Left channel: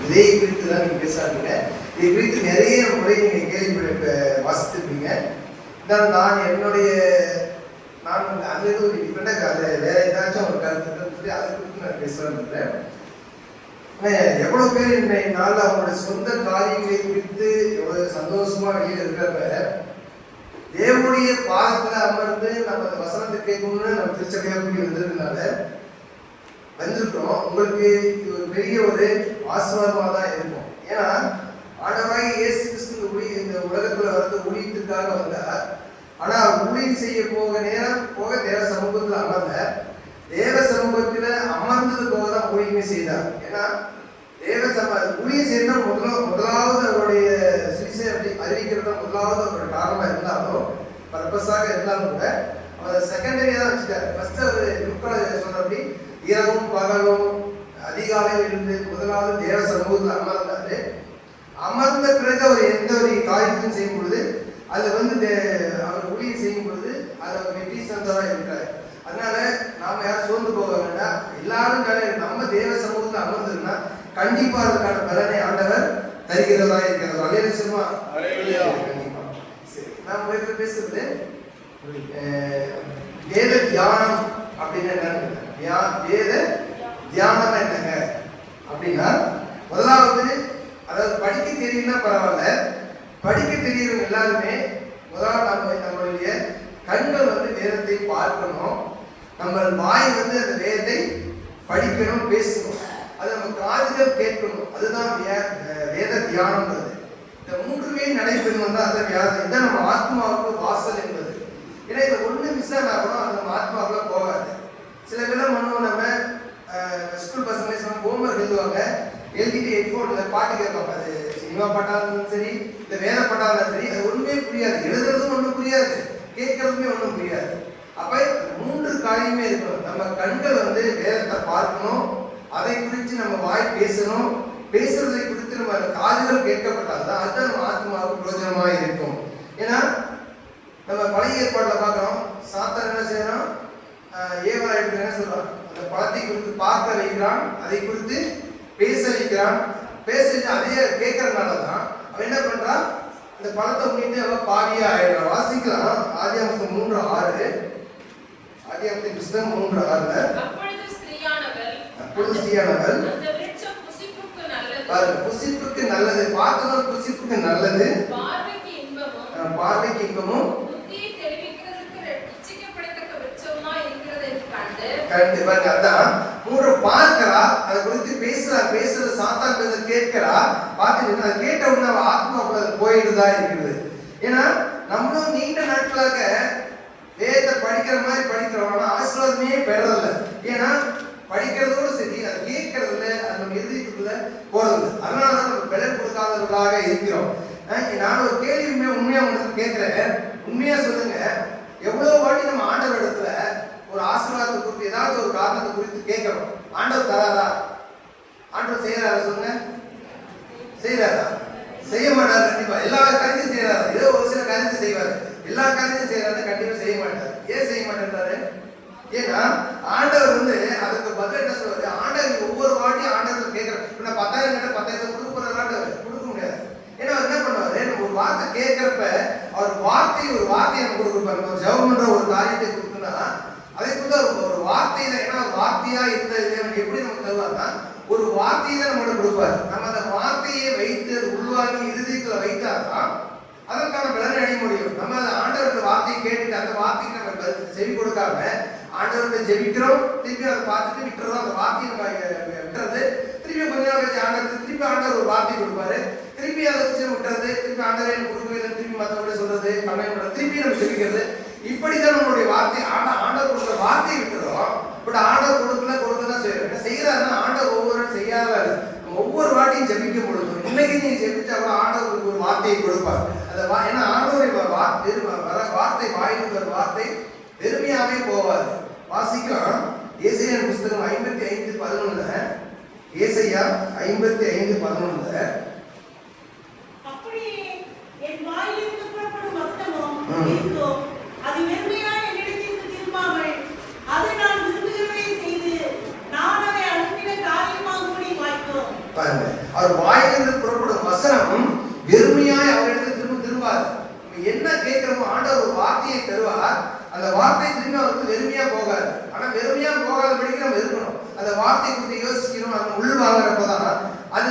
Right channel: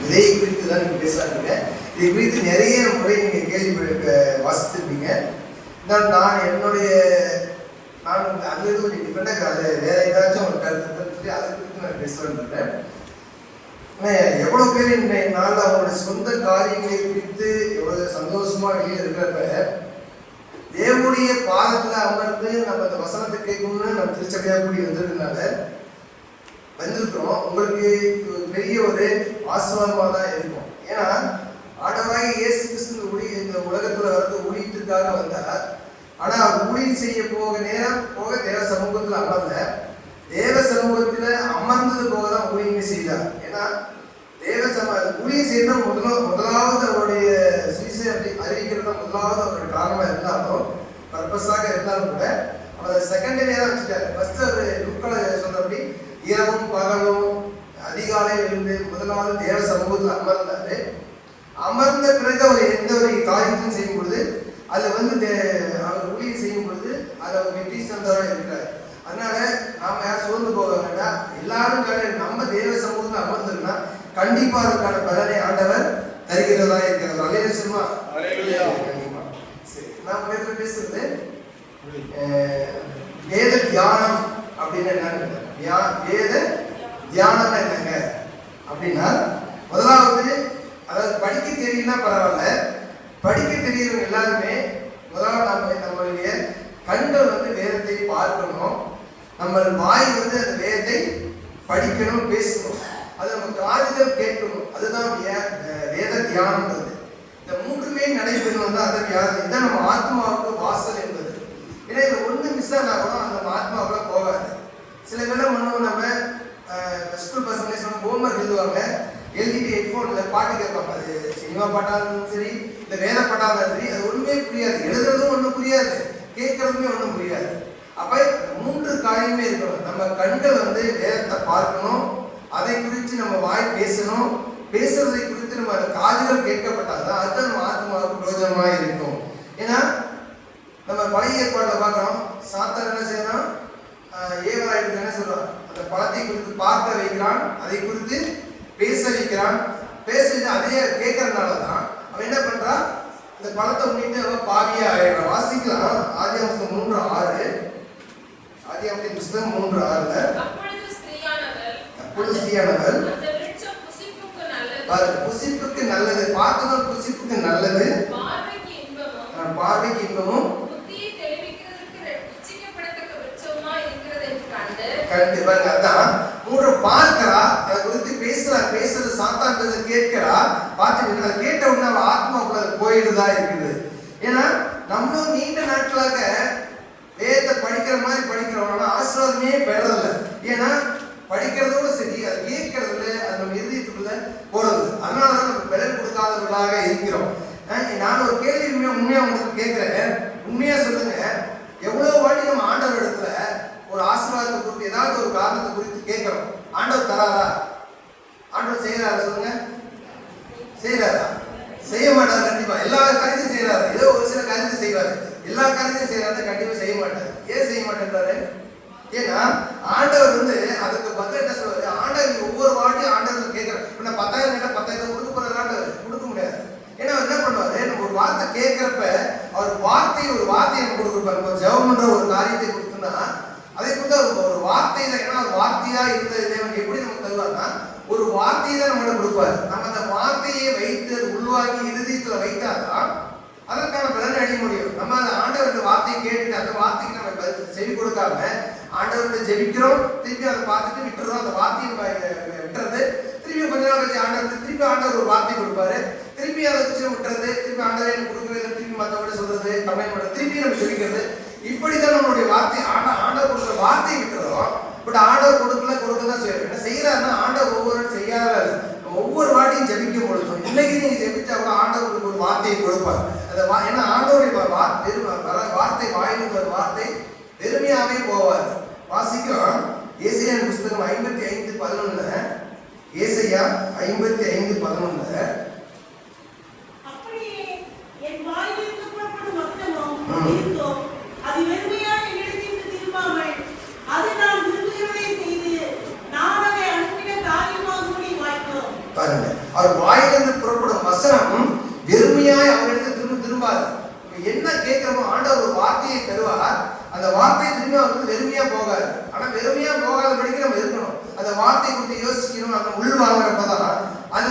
விதையை குறித்து தான் நீங்கள் பேசாதீங்க. இதை குறித்து நிறைய முறை நீங்கள் கேள்வி வாசித்திருப்பீங்க. நான் என்னுடைய அது ஒரு டிஃபரெண்டாக அதை வேற ஏதாச்சும் ஒரு கருத்து அதை குறித்து நான் பேசலான்னு இருக்கிறேன். எவ்வளோ பேர் இன்றைய நாளில் அவங்களோட சொந்த காரியங்களை குறித்து எவ்வளோ சந்தோஷமா வெளியில் இருக்கிறப்ப தேவனுடைய பாதத்தில் அமர்ந்து நம்ம அந்த வசனத்தை கேட்கணும்னு நம்ம திருச்சபையாக கூடி வந்திருக்கிறோம். உங்களுக்கு இது ஒரு பெரிய ஒரு ஆசீர்வாதமாக தான் இருக்கும். ஏன்னா ஆண்டவராகிய இயேசு கிறிஸ்து இந்த உலகத்தில் வந்து ஊழியத்திற்காக வந்தார். ஆனால் அவர் ஊழியம் செய்ய போக தேவ சமூகத்தில் அமர்ந்த தேவ சமூகத்தில் அமர்ந்தது போக தான் ஊழியமே செய்தார். ஏன்னா ஊழியம் செய்த முதலாவது அவருடைய சுவிசேஷத்தை அறிவிக்கிறது முதலாவது அவருடைய காரணமாக இருந்தாலும் பர்பஸாக இருந்தாலும் கூட அவர் செகண்டரியாக தான் வச்சுட்டாரு. ஃபர்ஸ்ட் அவர் நுட்களை சொன்னபடி இரவும் பகலும் அதிகாலையில் இருந்து முதலாவது தேவ சமூகத்தில் அமர்ந்தாரு. அமர்ந்த பிறகு அவர் எந்த ஒரு காரியத்தையும் செய்யும் பொழுது அதில் வந்து அவர் ஊழியம் செய்யும் பொழுது அதை அவர் வெற்றி சந்தராக இருக்கிறார். அதனால நாம யாரும் சோர்ந்து போக வேண்டாம். எல்லாரும் நம்ம தேவ சமூகத்தில் அமர்ந்தோம்னா கண்டிப்பா அதற்கான பலனை ஆண்டவர் தருகிறதா இருக்கிறது. அலையில சினிமா கண்டிப்பா. சரி, நான் பேசுறது வேத தியானம் அப்படின்னு என்னன்னு வேத தியானம் என்னங்க அப்படின்னா, முதலாவது அதாவது படிக்க தெரியலன்னா பரவாயில்ல, படிக்க தெரியறவங்க எல்லாருமே முதலாவது நம்மளுடைய கண்கள் வந்து வேதத்தை பார்க்கணும், நம்ம வாய் வந்து அந்த வேதத்தை படிக்கணும், பேசணும், அது நம்ம காதுகள் கேட்கணும். அதுதான் வேத தியானம்ன்றது. இந்த மூன்றுமே நடைபெறணும் தான் அதை இதான் நம்ம ஆத்மாவுக்கு வாசல் என்பது. ஏன்னா இதை ஒன்று மிஸ் ஆனாலும் அந்த நம்ம ஆத்மாவுக்குள்ள போகாது. சில பேரும் பண்ணுவோம், நம்ம ஸ்கூல் பசங்க ஹோம்ஒர்க் எழுதுவாங்க, எழுதிட்டு ஹெட்ஃபோனில் பாட்டு கேட்பாங்க. அது சினிமா பாட்டாக இருந்தாலும் சரி, இல்லை வேத பாட்டாக இருந்தாலும் சரி, அது ஒன்றுமே புரியாது. எழுதுறதும் ஒன்றும் புரியாது, கேட்கறதுமே ஒன்றும் புரியாது. அப்போ மூன்று காரியமே இருக்கணும். நம்ம கண்கள் வந்து வேதத்தை பார்க்கணும், அதை குறித்து நம்ம வாய் பேசணும், பேசுறதை குறித்து நம்ம காதுகள் கேட்கப்பட்டால்தான் அதுதான் நம்ம ஆத்மாவுக்கு பிரயோஜனமாக இருக்கும். ஏன்னா நம்ம பழைய ஏற்பாட்டில் பார்க்குறோம், சாத்தான் என்ன செய்யணும், ஏவராயிட்டு என்ன சொல்றான், அந்த பழத்தை குறித்து பார்க்க வைக்கிறான், அதை குறித்து பேச வைக்கிறான். பேச அதையே கேட்கறதுனால தான் அவன் என்ன பண்றான், இந்த பழத்தை முன்னிட்டு அவன் பாவியா ஆயிடுறான். வாசிக்கலாம் ஆதியாகமம் 3:6, ஆதியாகமத்தின் புத்தகம் 3:6. அப்பொழுது ஸ்திரீயானவள் புசிப்புக்கு நல்லது, பார்த்ததும் புசிப்புக்கு நல்லது, பார்வைக்கு இன்பமும் கண்டிப்பா. அதான் மூன்று பார்க்கிறா, அதை குறித்து பேசுறது சாத்தான் பேச கேட்கிறா, பார்த்து அதை கேட்ட உடனே அவன் ஆத்மாக்குள்ள போயிடுதா இருக்குது. ஏன்னா நம்மளும் நீண்ட நாட்களாக வேதத்தை படிக்கிற மாதிரி படிக்கிறோம், ஆசீர்வாதமே பெறதில்லை. ஏன்னா படிக்கிறதோடு சரி, அதை கேட்கறதுல அது நம்ம இதயத்துக்குள்ள போடுது. அதனாலதான் நம்ம விலை கொடுக்காதவர்களாக இருக்கிறோம். நான் ஒரு கேள்வி உண்மையா உங்களுக்கு கேட்கிறேன், உண்மையா சொல்லுங்க, எவ்வளவு வாட்டி நம்ம ஆண்டவர் இடத்துல ஒரு ஆசீர்வாதத்தை குறித்து ஏதாவது ஒரு காரணத்தை குறித்து கேட்கிறோம், ஆண்டவர் தராரா? ஆண்டவர் செய்யறாரா? சொல்லுங்க, செய்யறாரா? செய்ய மாட்டாரு. கண்டிப்பா எல்லா காரியத்தையும் செய்யறாரு, ஏதோ ஒரு சில காரியத்தை செய்வாரு, எல்லா காரியத்தையும் செய்யறாரு, கண்டிப்பா செய்ய மாட்டாரு. ஏன் செய்ய மாட்டேன்றாரு? ஏன்னா ஆண்டவர் வந்து அதுக்கு பதில் என்ன சொல்றாரு, ஆண்டவர் ஒவ்வொரு வாட்டியும் ஆண்டவர் கேட்கிறார். 10,000 கேட்டா 10,000 கொடுக்க போறது ஆண்டவர் கொடுக்க முடியாது. ஏன்னா அவர் என்ன பண்ணுவாரு, நம்ம ஒரு வார்த்தை கேட்கிறப்ப அவர் ஒரு வார்த்தையை நம்ம கொடுக்குறாரு. நம்ம ஜெபம் பண்ற ஒரு காரியத்தை கொடுத்தோம்னா அதை குறித்து ஒரு வார்த்தையில, ஏன்னா ஒரு வார்த்தையா இருந்தது எப்படி நம்ம தருவாருன்னா ஒரு வார்த்தையை தான் நம்மகிட்ட கொடுப்பாரு. நம்ம அந்த வார்த்தையை வைத்து அது உள்வாங்கி இறுதியத்துல வைத்தாதான் அதற்கான பலனை அடைய முடியும். நம்ம அந்த ஆண்டவருடைய வார்த்தையை கேட்டுட்டு அந்த வார்த்தைக்கு நம்ம செவி கொடுக்காம ஆண்டவர்கிட்ட ஜெபிக்கிறோம், திருப்பி அதை பார்த்துட்டு விட்டுறோம், அந்த வார்த்தையை விட்டுறது, திருப்பி கொஞ்ச நாள் கழிச்சு ஆண்டவர் திருப்பி ஆண்டவர் ஒரு வார்த்தை கொடுப்பாரு, திருப்பி அதை வச்சு விட்டுறது, திருப்பி ஆண்டவரை கொடுக்கவே திருப்பி மற்றவங்க சொல்றது பண்ண பண்றது, திருப்பி நம்ம ஜெபிக்கிறது. இப்படிதான் நம்மளுடைய வார்த்தை ஆண்டவர் கொடுக்குற வார்த்தையை விட்டுறோம். பட் ஆண்டவர் கொடுக்கதான் செய்யறோம். என்ன செய்யறாருன்னா ஆண்டவர் ஒவ்வொரு செய்யாத ஒவ்வொரு வார்த்தையும் ஜெபிக்கும் பொழுதும் இன்னைக்கு நீங்க ஜெபிச்சா கூட ஆண்டவருக்கு ஒரு வார்த்தையை கொடுப்பார். ஏன்னா ஆண்டவருடைய வார்த்தை வாயிலுக்கு ஒரு வார்த்தை வெறுமையாவே போவாது. வாசிக்கும் ஏசாயா புத்தகம் 55:11, ஏசாயா 55:11. அவர் வாயிலிருந்து புறப்படும் வசனம் வெறுமையாய் அவரிடத்தில் திரும்பாது. என்ன கேட்கிறோமோ ஆண்டவர் ஒரு வார்த்தையை தருவார், அந்த வார்த்தை திரும்பி அவருக்கு வெறுமையா போகாது. ஆனா வெறுமையா போகாதபடிக்கு நம்ம இருக்கணும். அந்த வார்த்தை குறித்து யோசிக்கணும், அந்த உள் வாங்குறப்பதான் அது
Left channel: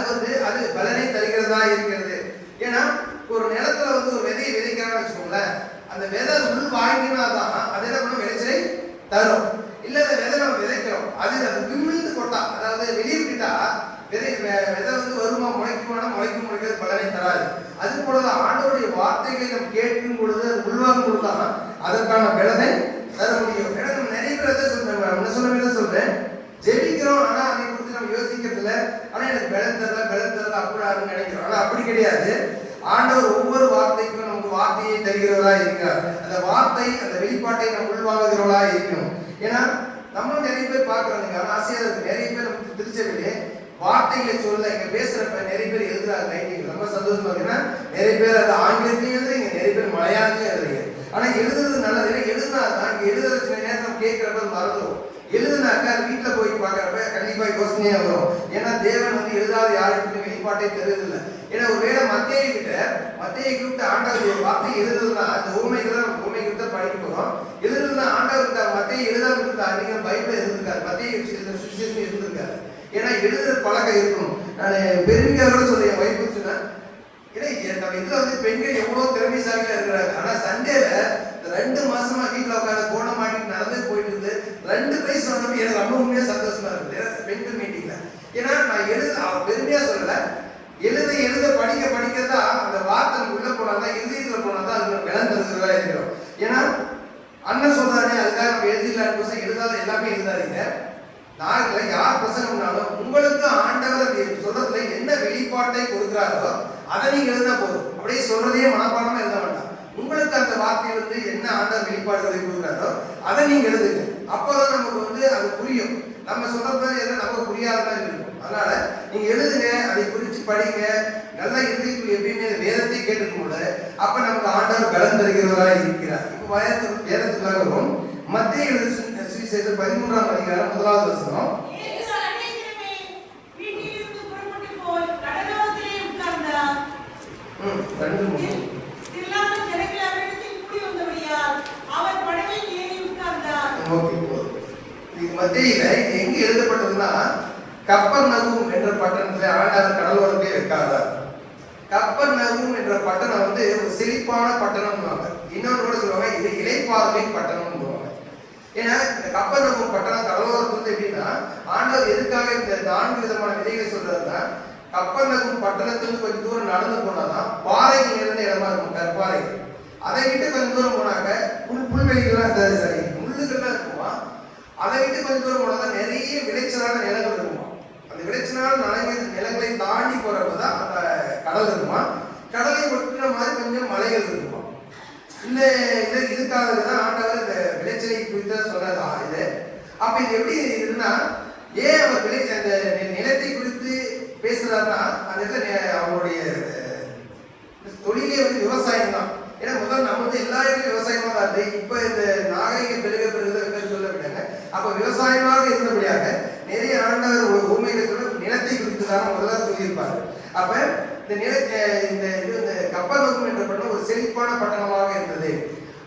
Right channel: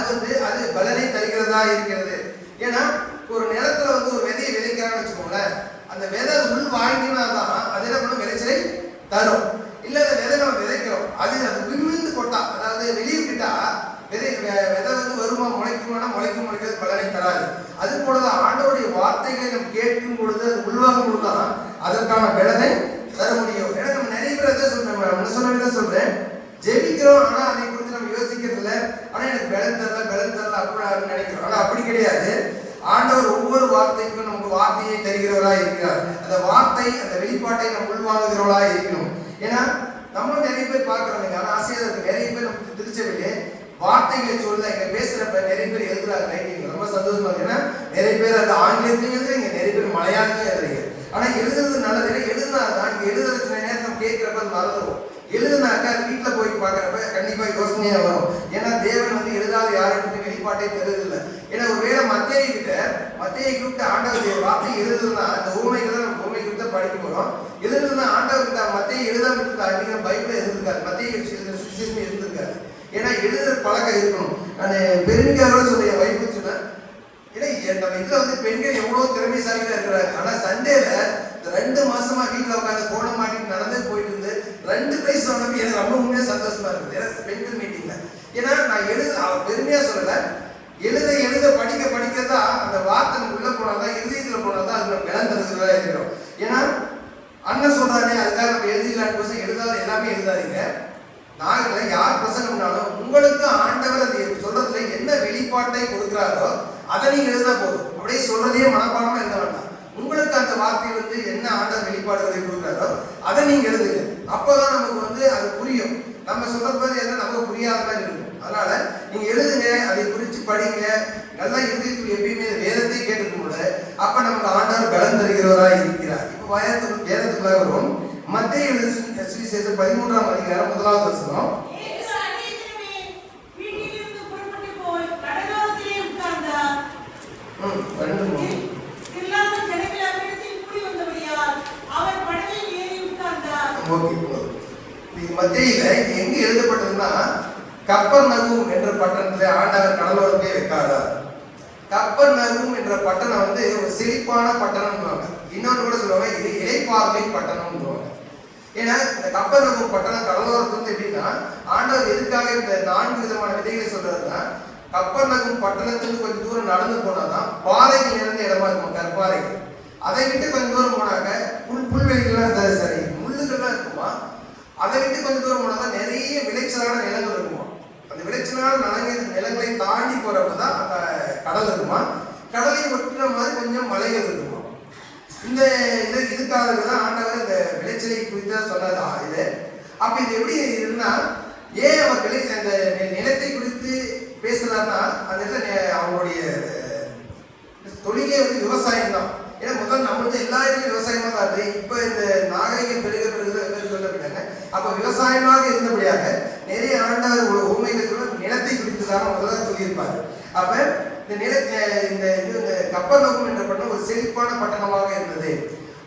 பலனை தருகிறதா இருக்கிறது. ஏன்னா ஒரு நிலத்துல ஒரு விதையை விதைக்கிறான்னு வச்சுக்கோங்களேன், அந்த விதை உள் வாங்கினாதான் அது என்ன பண்ணும், விளைச்சலை தரும். இல்ல அந்த விதை நம்ம விதைக்கிறோம், அது விழுந்து கொட்டா, அதாவது வெளியே விட்டா விதை வருமா, முளைக்குமானா முளைக்கிறது, பலனை தராது. அது போலதான் ஆண்டவருடைய வார்த்தைகளை நம்ம கேட்கும் பொழுது அது உள்வாங்கும் பொழுதுதான் அதற்கான பலனை தர முடியும். ஏன்னா நம்ம நிறைய பேர் சொல்றேன், சொல்றேன் ஜெபிக்கிறோம், ஆனா அதை குறித்து நம்ம யோசிக்கிறது இல்லை. ஆனா எனக்கு பலன் தரல அப்படி நினைக்கிறோம். ஆனா அப்படி கிடையாது. ஆண்டவர் ஒவ்வொரு வார்த்தைக்கும் நமக்கு வார்த்தையை தருகிறவரா இருக்கிறார். அந்த வார்த்தை, அந்த வெளிப்பாட்டை நம்ம உள்வாங்குகிறவளா இருக்கணும். ஏன்னா நம்ம நிறைய பேர் பார்க்கிறோம், ஆனா ஆசையா இருக்கு. நிறைய பேர் நமக்கு திருச்சபையிலே வார்த்தைகளை சொல்ல இங்க பேசுறப்ப நிறைய பேர் எழுதுறாங்க ரைட்டிங், ரொம்ப சந்தோஷமா இருக்கு. ஏன்னா நிறைய பேர் அது ஆங்கிலத்திலையும் எழுதுறீங்க, நிறைய பேர் மலையாளத்திலையும் எழுதுறீங்க. ஆனா எழுதுறது நல்லது. எழுதுனாதான் இங்க எழுதுற சில நேரத்தில் கேட்கிறப்ப மறந்துடும். எழுதுனாக்கா அது வீட்டுல போய் பார்க்கறப்ப கண்டிப்பா யோசனையா வரும். ஏன்னா தேவன் எழுதாத யாருக்கும் வெளிப்பாட்டை தருதில்லை. ஏன்னா ஒருவேளை மத்தேயு கிட்ட ஆண்டவர் வார்த்தை எழுதுனா அந்த ஊமை கிட்ட படிக்க போறோம். எழுதுனா ஆண்டவர் கிட்ட மத்தேயு எழுதாம இருந்தா நீங்க பைபிள் எழுதிருக்காரு, மத்தேயு சுவிசேஷம் எழுதிருக்காரு. ஏன்னா எழுதுற பழக்கம் இருக்கணும். நான் பெருமையாக சொல்ல என் வைப்பு சொன்னேன், ஏன்னா நம்ம இதுல பெண்கள் எவ்வளவு திறமைசாலியா இருக்கிறாங்க. ஆனா சண்டேல 2 மாசமா வீட்டுல உட்காந்து போன மாட்டிட்டு நடந்து போயிட்டு இருந்து 2 பிரைஸ் வாங்கினப்ப எனக்கு ரொம்ப உண்மையா சந்தோஷமா இருக்குது பெண்கள் மீட்டிங்ல. ஏன்னா நான் பெருமையா சொல்லல, எழுத படிக்கிறதா அந்த வார்த்தை உள்ள போனாதான், இதயத்துல போனாதான் அது பலன் தருகிறதா இருக்கிறோம். ஏன்னா அண்ணன் சொல்றானே அதுக்காக நம்ம எழுதிடலாம், எழுதாத எல்லாமே எழுதாதீங்க. நாங்கள யார் பிரசங்கம்னாலும் உங்களுக்கு ஆண்டவர் அது சொல்றதுல என்ன வெளிப்பாட்டை கொடுக்கிறாரோ அதை நீங்க எழுதினா போதும். அப்படியே சொல்றதையே மனப்பாடமா எழுத வேண்டாம். உங்களுக்கு அந்த வார்த்தையிலிருந்து என்ன ஆண்டவர் வெளிப்பாடுகளை கொடுக்கிறாரோ அதை நீங்க எழுதுங்க. அப்பதான் நமக்கு அது புரியும். நம்ம சொல்றது எதுவும் நமக்கு புரியாத மாதிரி இருக்கும். அதனால நீங்க எழுதுங்க, அதை குறித்து படிங்க. நல்லா இறுதிக்குள் எப்பயுமே வேதத்தை கேட்டுக்கும் கூட அப்ப நமக்கு ஆண்டவர் பலன் தருகிறவரா இருக்கிறார். இப்ப வேதத்துக்காக வரும். மத்தேயு எழுதின சுவிசேஷம் 13ஆம் அதிகாரம் 1வது வசனம். மத்தேயுல இது எங்க எழுதப்பட்டதுன்னா கப்பர்நகூம் என்ற பட்டணத்துல ஆண்டவர் கடலோரத்தை வைக்காதார். கப்பர்நகூம் என்ற பட்டணம் ஒரு செழிப்பான பட்டணம். இன்னொன்று கூட சொல்லுவாங்க, இது இளைப்பாறுமை பட்டணம். ஏன்னா இந்த கப்பர்நகூம் பட்டணம் கடலோரத்துல எப்படின்னா ஆண்டவர் எதுக்காக இந்த 4 விதமான விதைகளை சொல்றாருன்னா, கப்பர்நகூம் பட்டணத்துக்கு கொஞ்சம் தூரம் நடந்து போனாதான் பாறைகள் நிறைந்த இடமா இருக்கும், கற்பாறைகள். அதை விட்டு கொஞ்சம் தூரம் போனாக்க புல்வெளிகள்லாம் சரி முள்ளுகள்லாம் இருக்குமா. அதை விட்டு கொஞ்சம் தூரம் போனாதான் நிறைய விளைச்சலான நிலங்கள் இருக்குமா. அந்த விளைச்சலான நிலங்களை தாண்டி போறப்பதான் அந்த கடல் இருக்குமா. கடலை ஒட்டின மாதிரி கொஞ்சம் மலைகள் இருக்குமா. இந்த இதுக்காக தான் ஆண்டவர் இந்த விளைச்சலை குறித்து சொன்னது இது. அப்ப இது எப்படி இருக்குன்னா, ஏன் அவர் அந்த நிலத்தை குறித்து பேசுறாருன்னா, அந்த அவங்களுடைய தொழிலே விவசாயம் தான். ஏன்னா முதல் நம்ம எல்லா இடத்துலையும் விவசாயமா தான் இருக்கு. இப்ப இந்த நாகரிகம் பெருக சொல்லப்பட்டாங்க. அப்ப விவசாயமாக இருந்தபடியாக நிறைய ஆண்டவர் உண்மைகள் சொல்ல நிலத்தை குறித்து தான் முதல்ல சொல்லியிருப்பாரு. அப்ப இந்த கப்பர்நகூம் என்ற பட்டணம் ஒரு செழிப்பான பட்டணமாக இருந்தது.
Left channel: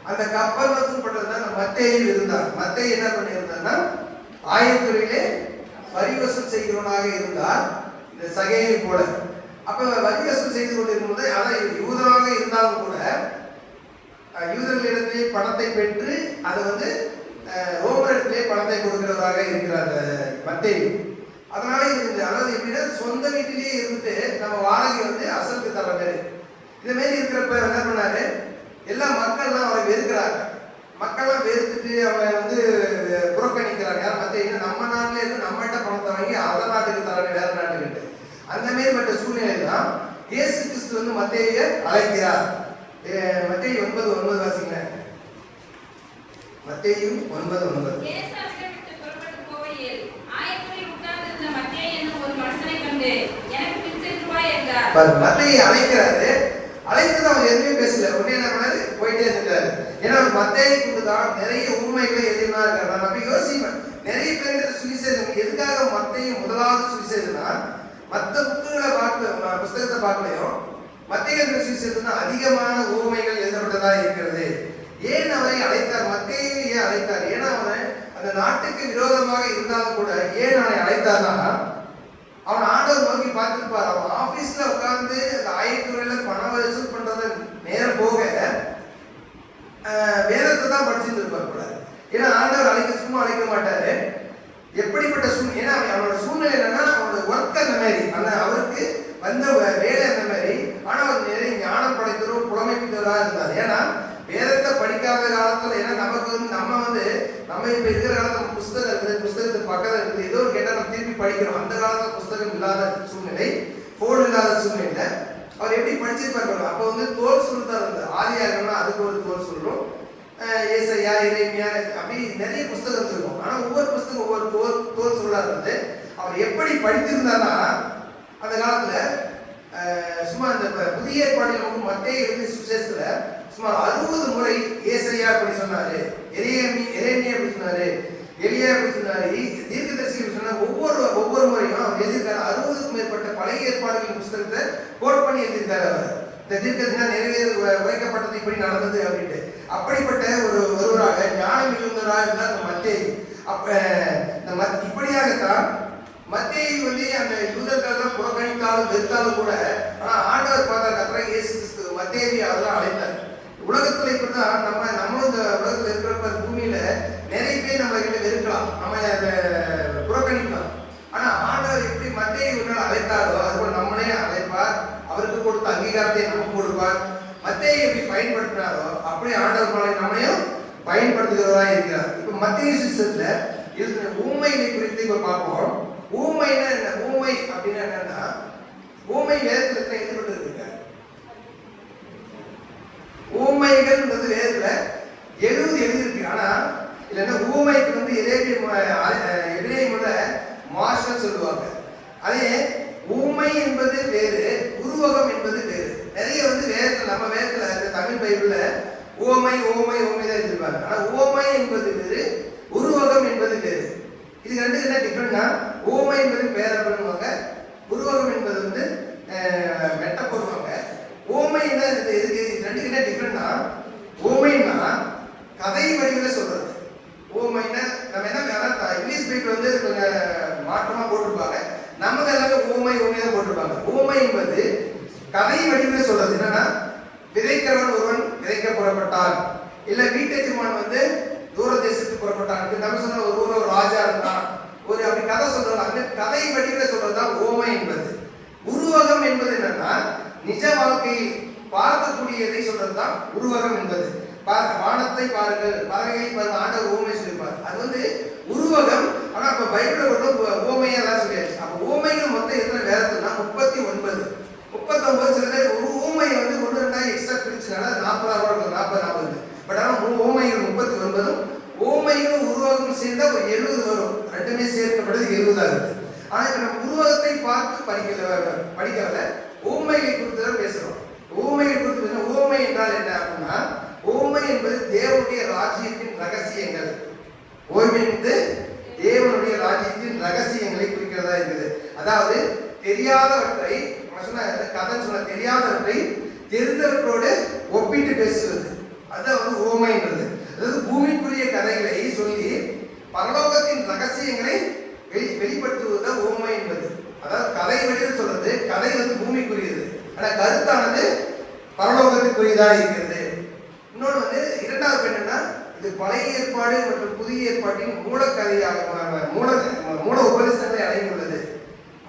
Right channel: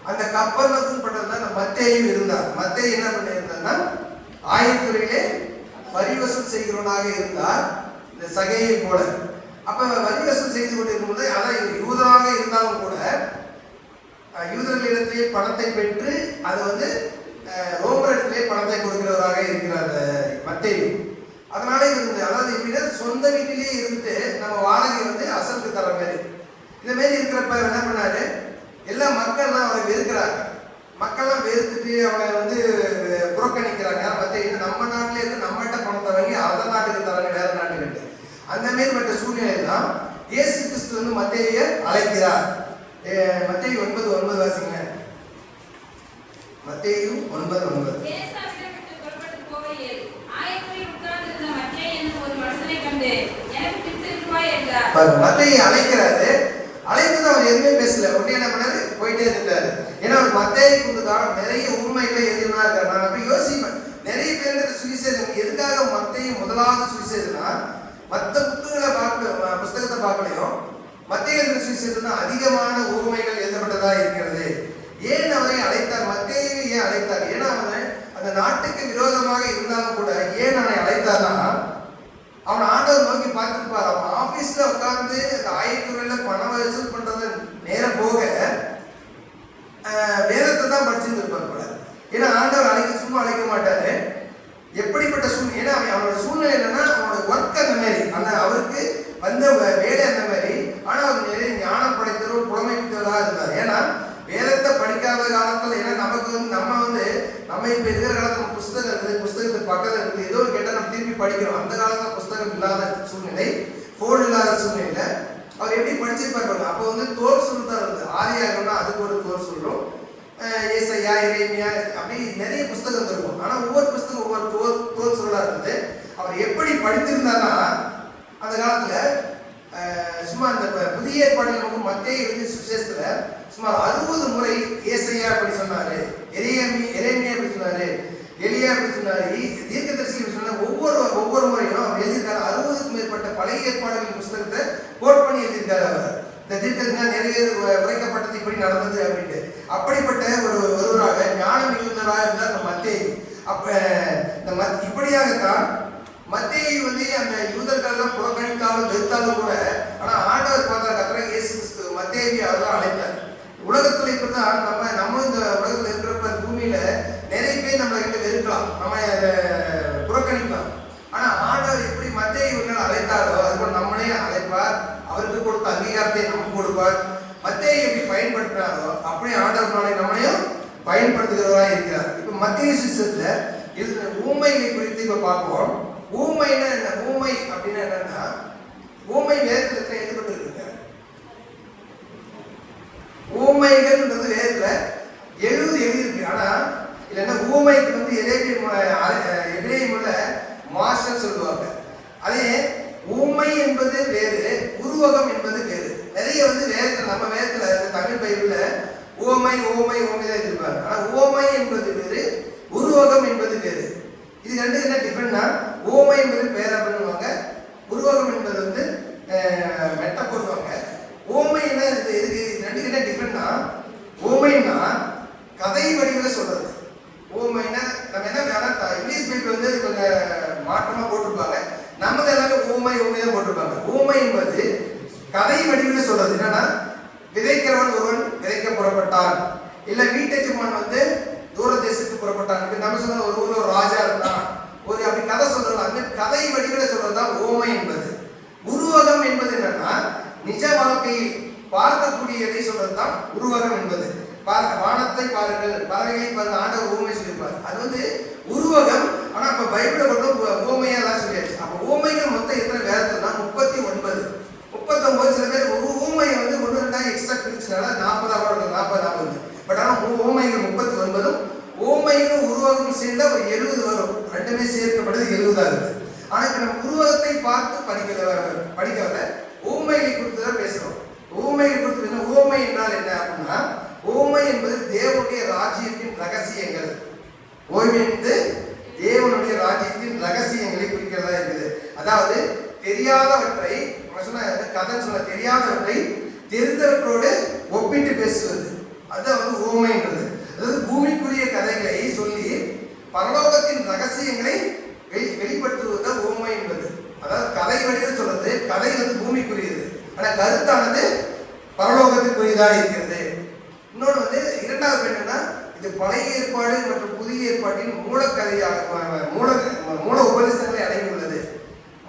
அந்த கப்பர்நகூம் பட்டணம் தான் மத்தேயு இருந்தார். மத்தேயு என்ன பண்ணியிருந்தார்னா ஆயத்துறையிலே வரி வசூல் செய்கிறவனாக இருந்தார், இந்த சகையை போல. அப்ப வரி வசூல் செய்து கொண்டிருக்கும் போது அதான் யூதராக இருந்தாலும் கூட யூதர்களிடத்திலே பணத்தை பெற்று அது ரோமரிடத்திலே பணத்தை கொடுக்கிறதாக இருக்கிறார் மத்தேயு. அதனால அதாவது எப்படின்னா சொந்த வீட்டிலேயே இருந்துட்டு நம்ம வாடகை அசலுக்கு தர மாதிரி இந்த மாதிரி இருக்கிறப்ப என்ன பண்ணாரு, எல்லா மக்கள்லாம் அவரை வெறுக்கிறாங்க. மக்கள்லாம் வெறுத்துட்டு அவங்க புறக்கணிக்கிறாங்க. மத்தேயு நம்ம நாட்டிலே இருந்து நம்மகிட்ட பணத்தை வாங்கி அதர் நாட்டுக்கு தராங்க, வேற நாட்டுக்கிட்டு. அந்த மாதிரி மற்ற சூழ்நிலை தான் இயேசு கிறிஸ்து மத்தேயுவை அழைக்கிறார். மத்தேயு 9:9 வாசிங்க. மத்தேயு 9:9. மத்தேயு அழைக்கிறாரு. அழைத்தது அவர் எதுவுமே பேசல. உடனே என்ன பண்ணாரு, போயிட்டே இருந்தாரு. ஏன்னா மத்தேயுக்கு நிறைய உண்மைகளை எதுனா இருக்காரு. நான் அப்படி யோசிப்பேன், நிறைய பேருக்கு சுவிசேஷம் எதுக்காக மத்தேயு முதலாவது சுவிசேஷம்னா, மற்ற புக்குகளை பார்க்கும் புஸ்தகத்தை பார்க்கலையும் மத்தேயு சுவிசேஷத்துல அதிகமான உவமைகள் எழுதப்பட்டதா இருக்கிறது. ஏன் அவரை அழைத்தார்? மத்தேயு ஏன் அழைத்தார்? ஏன்னா அவன் அந்த நாட்டுக்கு விரோதமாக இருந்தாலும் கூட ஏன் அவனை அழைத்தார்னா, அவன் ஆண்டவர் நோக்கி பார்த்துருப்பார். அவன் ஆபீஸ்ல உட்கார்ந்து அந்த ஆயத்துறையில பணம் வசூல் பண்றது நேரம் போக வேதத்தை தான் படிச்சுட்டு இருப்பார் போல. ஏன்னா ஆண்டவர் சும்மா அழைக்க மாட்டாரு. எப்படிப்பட்ட சூழ்நிலை, ஏன்னா அவனோட சூழ்நிலை என்னன்னா, அவனோட ஒர்க் அந்த மாதிரி, அந்த அவருக்கு வந்த வேலை அந்த மாதிரி. ஆனா அவர் நிறைய ஞானம் படைத்தவர், புலமை பித்தவராக இருந்தார். ஏன்னா வேதத்தை படிக்காத காலத்துல, ஏன்னா நமக்கு நம்ம இப்ப இருக்கிற காலத்துல புஸ்தகம் இருக்குது, புஸ்தகத்துக்கு பக்கத்துல இருக்குது, ஏதோ ஒரு கேட்டா நம்ம திருப்பி படிக்கிறோம். அந்த காலத்துல புஸ்தகம் இல்லாத சூழ்நிலை, போன் இல்லாத சூழ்நிலை. அவர் எப்படி படிச்சிருப்பாரு? அப்ப தோல் சுருள் தான் வருது. ஆதியாகம்னா அதுக்கு ஒரு தோல் சொல்றோம், ஏசாயா, எரேமியா, அப்படி நிறைய புஸ்தகம் இருக்கும். ஆனா ஒவ்வொரு புஸ்தகம் ஒவ்வொரு தோல் சொல்லா இருந்தது. அவர் எப்படி படித்திருந்தார்னா, அந்த காலத்துல சும்மா அந்த புதிய ஏற்பாட்டில் மத்தேயு சுவிசேஷத்துல சுமார் 60 முறை ஏசாயா அப்படி சொன்னாரு, எரேமியா அப்படி சொன்னாரு, எலியா அப்படி சொன்னாரு, தீர்க்கதரிசி சொன்ன ஒவ்வொரு முறையும் அவர் எழுதியிருக்காரு. 60க்கும் மேற்பட்ட பழைய ஏற்பாடுகளின் புஸ்தகத்தை கோட் பண்ணி எழுதியிருக்காரு. அவர் இந்த தீர்க்கதரிசினா நிறைய உரைக்கப்பட்டது இப்படி நடந்தது அப்படின்ட்டு. அப்படிப்பட்ட ஒருவராக ஞானம் மிகுந்தவராக இருந்தார் நம்ம மத்தேயு. இப்படியாகத்தான் மத்தேயு அந்த யூதர்கள்லாம் புறக்கணித்தாலும் வெறுத்தாலும் கூட, ஆனா ஆண்டவர் பார்த்தார், கர்த்தராகிய இயேசு கிறிஸ்து மத்தேயுவை அதெல்லாம் அழைத்தார். உலகத்துல இப்படிதான் நம்ம இந்த உலகத்துல இருக்கிற பூமியில நிறைய பேர் நம்மளை வெறுக்கலாம், நம்ம அதை புறக்கணிக்கலாம். ஆனா ஆண்டவர் எப்படி மத்தேயுவை அழைத்தாரோ அதுபோல் நம்மளையும் அழைப்பார். அவருக்கு கொடுத்த அங்கீகாரத்தை நமக்கு கொடுப்பார். மத்தேயு எப்படி பயன்படுத்தினாரோ அப்படி ஆண்டவர் நம்மளையும் பயன்படுத்துகிறதா இருக்கிறார். இப்ப மத்தேயு சுவிசேஷத்துல இருக்கிற ஊமைகளை குறித்து இப்ப பார்ப்போம். ஊமைன்னா என்ன? ஊமை அப்படின்னா என்னன்னா, ஊமை வேதத்துல எழுதப்பட்டு இருக்குங்க. ஊமைகள் வேதத்துல 70 எழுதியிருக்கு. ஆனா இல்லைன்னா ஊமைக்கு எபிரேயம்ல மார்ஷல் சொல்லுவாங்க. அதே ஊமை என்பது வேறு, உருவகம் என்பது வேறு. நிறைய வேதத்துல, நம்ம வேதத்துல தமிழ் பைபிள்ல ஓமை ஓமை ஓமை தான் எழுதிருப்பாங்க. ஆனா ஓமை என்பது வேறு, உருவகம் என்பது வேறு. இது ரெண்டு என்ன டிஃபரெண்ட்னா, ஓமை என்பது பேரப்படுவாங்க, உருவகம் என்பது மெட்டப்படுவாங்க. ஓமை என்ன, இது ரெண்டு என்ன டிஃபரெண்ட்னா, ஓமைன்னா கதை வடிவில் சொல்றது. ஓமைன்னா நம்ம என்ன இங்கிலீஷ் பைபிள் கொஞ்சம் மாற்றமா போட்டிருப்பாங்க, நம்ம எல்லாமே ஓமை ஓமை தான் போட்டிருப்பாங்க. ஓமை என்பது கதை வடிவில் சொல்றது. என்னன்னா, விதைக்கிறவன் ஒருவன் விதைக்கப்படப்பட்டான், இல்ல வீட்டெஜமான் தூர தேசத்துக்கு புறப்பட்டான், நம்ம சொன்ன ஒரு ராஜா இருந்தான், ஒரு அப்படி கதை சொல்றது. அந்த கதை வடிவில் சொல்றதுதான் ஓமை என்பது. உருவகம் என்பது என்னன்னா, நிஜ வாழ்க்கையில் பார்க்கக்கூடியதை சொல்றதுதான் உருவகம் என்பது. வானத்தை பாருங்கள், பறவைகளை பாருங்கள், ஆண்டவர் ஊமை சொல்லியிருப்பார். அது உருவகம். ஆனா இப்ப பைபிள ஓமையா தான் சொல்லியாச்சு. அப்ப ஓமைகள் மொத்தம் இருக்கிற வேதத்துல 39 சில பேர் ஒரு ஊமையை ஒன்று ரெண்டா எக்ஸ்ட்ரா பிரிச்சுனால 40 பட் ஆனா ஓமைகள் 39, ஓமைகளும் உருவகம் சேர்ந்தா ஒரு 70 வரும். ரெண்டுமே சேர்க்கப்படுது 70 இருக்கு. ஆனா இப்ப நம்ம உருவகத்தை பார்த்து படிக்கல, ஊமையை குறித்து தான் பேசுறோம். ஊமையை குறித்து ஊமை என்றால் என்ன அப்படின்னா, ஊமை என்பது தேவனுடைய ராஜ்யத்தின் ரகசியங்கள். ஓய்வு என்பது தேவனுடைய ராஜ்யத்தின் ரகசியங்களை குறிக்கிறதா இருக்குது. அதாவது தெரியாதவற்றை தெரியாதவற்றை தெரிந்தவற்றோடு ஒப்பிட்டு பேசுவது, அதான் ஊமைன்றது. அதாவது பூமிக்குரிய கதைகளை சொல்லி பரலோகத்தின் ரகசியங்களை வெளிப்படுத்துவதுதான் ஊமை என்பது. அதாவது கதை வடிவில் சொல்றது, கதை பூமிக்குரியது, ஆனா கருத்தானது பரலோகத்திற்குரியதாக இருக்கிறது. இன்னொன்று இரண்டாவது என்னன்னா, இது பழைய ஏற்பாடு மற்றும் புதிய ஏற்பாட்டின் மூலக்கதையாக மூல உபதேசங்களை அடங்கியுள்ளது.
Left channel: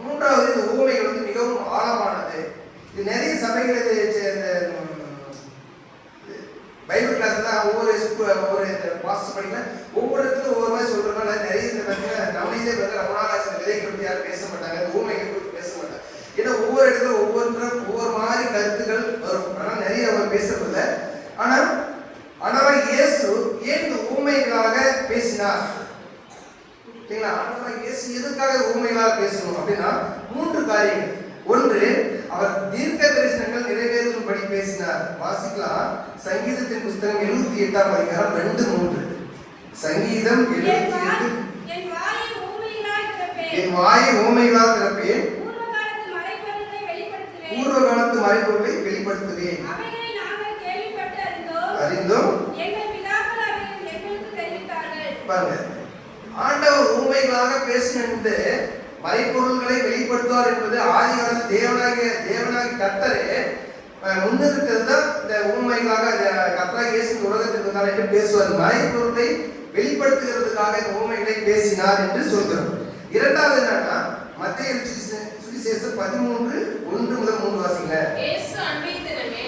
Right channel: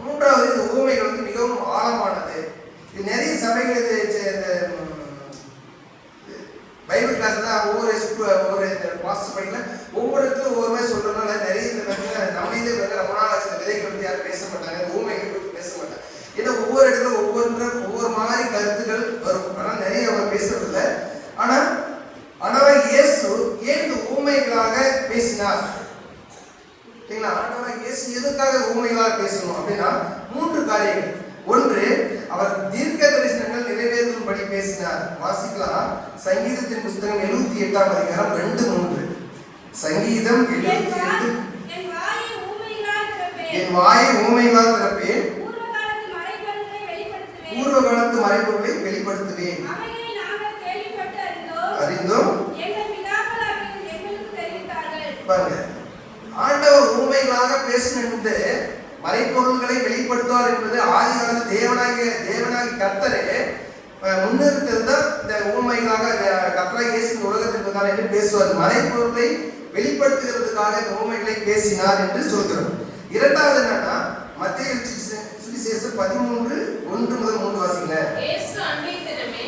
மூன்றாவது, இந்த ஊமைகள் மிகவும் ஆழமானது. இது நிறைய சபைகள் பைபிள் கிளாஸ் தான் ஒவ்வொரு மாஸ்டர் படிக்கலாம், ஒவ்வொரு இடத்துல ஒவ்வொரு மாதிரி சொல்றதுனால நிறைய நம்மளே விதைகளை பற்றி யாரும் பேச மாட்டாங்க, ஊமைகள் பற்றி பேச மாட்டாங்க. ஏன்னா ஒவ்வொரு இடத்துல ஒவ்வொரு மாதிரி கருத்துக்கள் வரும். ஆனா நிறைய அவங்க பேசுறதில்ல. ஆனா இயேசு ஏன் இந்த ஊமைகளாக பேசினார்? இயேசு எதுக்காக ஊமைகளாக பேசணும் அப்படின்னா, 3 காரியங்கள். ஒன்று, அவர் தீர்க்க தரிசனங்கள் நிறைவேறும்படி பேசினார். வாசிக்கலாம், சங்கீதத்தின் புஸ்தகம் 78ஆம் அதிகாரம் 2-3. சங்கீதம் 78. என் வாயை ஊமைகளால் திறப்பேன், பூர்வ காலத்து மறைபொருளை வெளிப்படுத்துவேன். அறிந்தோம் பாருங்க, ஆண்டவர் ஊமைகளாக பேசினது மறைப்பொருள்களை வெளிப்படுத்துவார் என்பது ஆதி காலத்து தேவனாகி கர்த்தரே முன்னிறுத்தது தான். இந்த ஊமைகளாக கர்த்தராகிய இயேசு உலகத்துக்கு தான் என்று பேசுவார். மறைப்பொருளை வெளிப்படுத்துகிறதுக்காக இந்த ஊமைகளை பேசினார் என்று சொல்கிறோம். இரண்டாவது என்னன்னா, மத்தேயு சுவிசேஷம் 13:1-3 வாசிங்க. இயேசு அன்றைய தினமே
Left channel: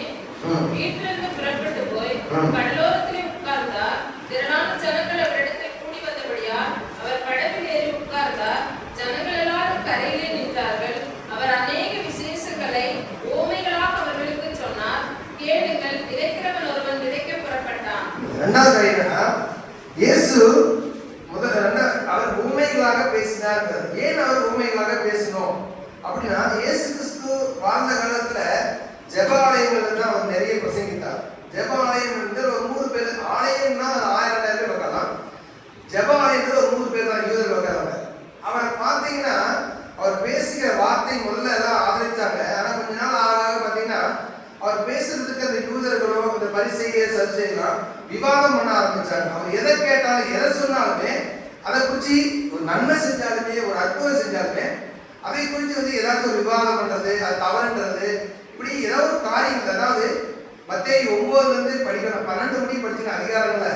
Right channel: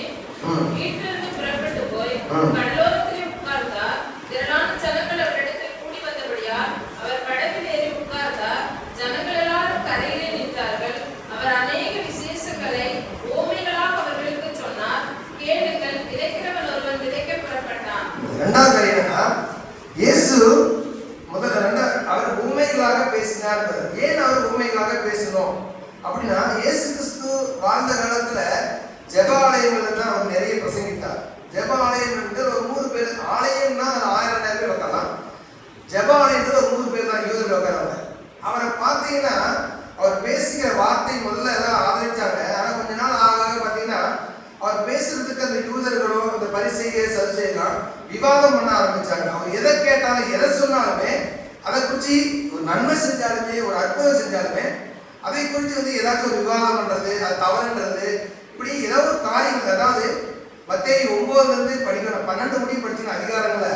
வீட்டிலிருந்து புறப்பட்டு போய் கடலோரத்திலே உட்கார்ந்தார். திரளான ஜனங்கள் அவரிடத்தில் கூடி வந்தபடியால் அவர் கடலில் ஏறி உட்கார்ந்தார். ஜனங்கள் எல்லாரும் கரையிலே நின்றார்கள். அவர் அநேக விசேஷங்களை ஓமைகளாக அவர்களுக்கு சொன்னார். கேளுங்கள், விதைக்கிறவன் ஒருவன் விதைக்க புறப்பட்டான். இரண்டாவது என்னன்னா, இயேசு அவர் ஊமைகளாக பேசினார். ஏன் அவர் ஊமைகளாக பேசணும் அப்படின்னா, இயேசு கிறிஸ்து வாழ்ந்த காலத்துல ஜெப ஆலயங்கள் தான் அவர் நிறைய பிரசங்கித்தார். ஜெப ஆலயம் வந்து ஒரு 100 பேர், ஆலயம்னா 1000-2000 பேர் உட்காரலாம். ஜெப ஆலயத்துல ஒரு 100 பேர் தான் யூதர்கள் உட்காராங்க. அவரை பார்த்தீங்கன்னா அவர் பேசுகிற வார்த்தை முதல்ல எல்லாம் ஆதரிச்சாங்க. ஆனா கொஞ்ச நாள் ஆக பார்த்தீங்கன்னா அவர் பேசுறதுக்கு அந்த யூதர்களும் அந்த பரிசேயர் சதுசேயரும் விவாதம் பண்ண ஆரம்பிச்சாங்க. அவர் எதை கேட்டாலும் எதை சொன்னாலுமே அதை குறிச்சு ஒரு நன்மை செஞ்சாலுமே ஒரு அற்புதம் செஞ்சாலுமே அதை குறித்து வந்து ஏதாச்சும் ஒரு விவாதம் பண்றது, அது தவறுன்றது, இப்படி ஏதாவது ஒரு காரியங்கள். அதாவது மத்தேயு 9 படிக்கிற 12 முடியும் படிச்சுக்கிற அதிகாரங்களை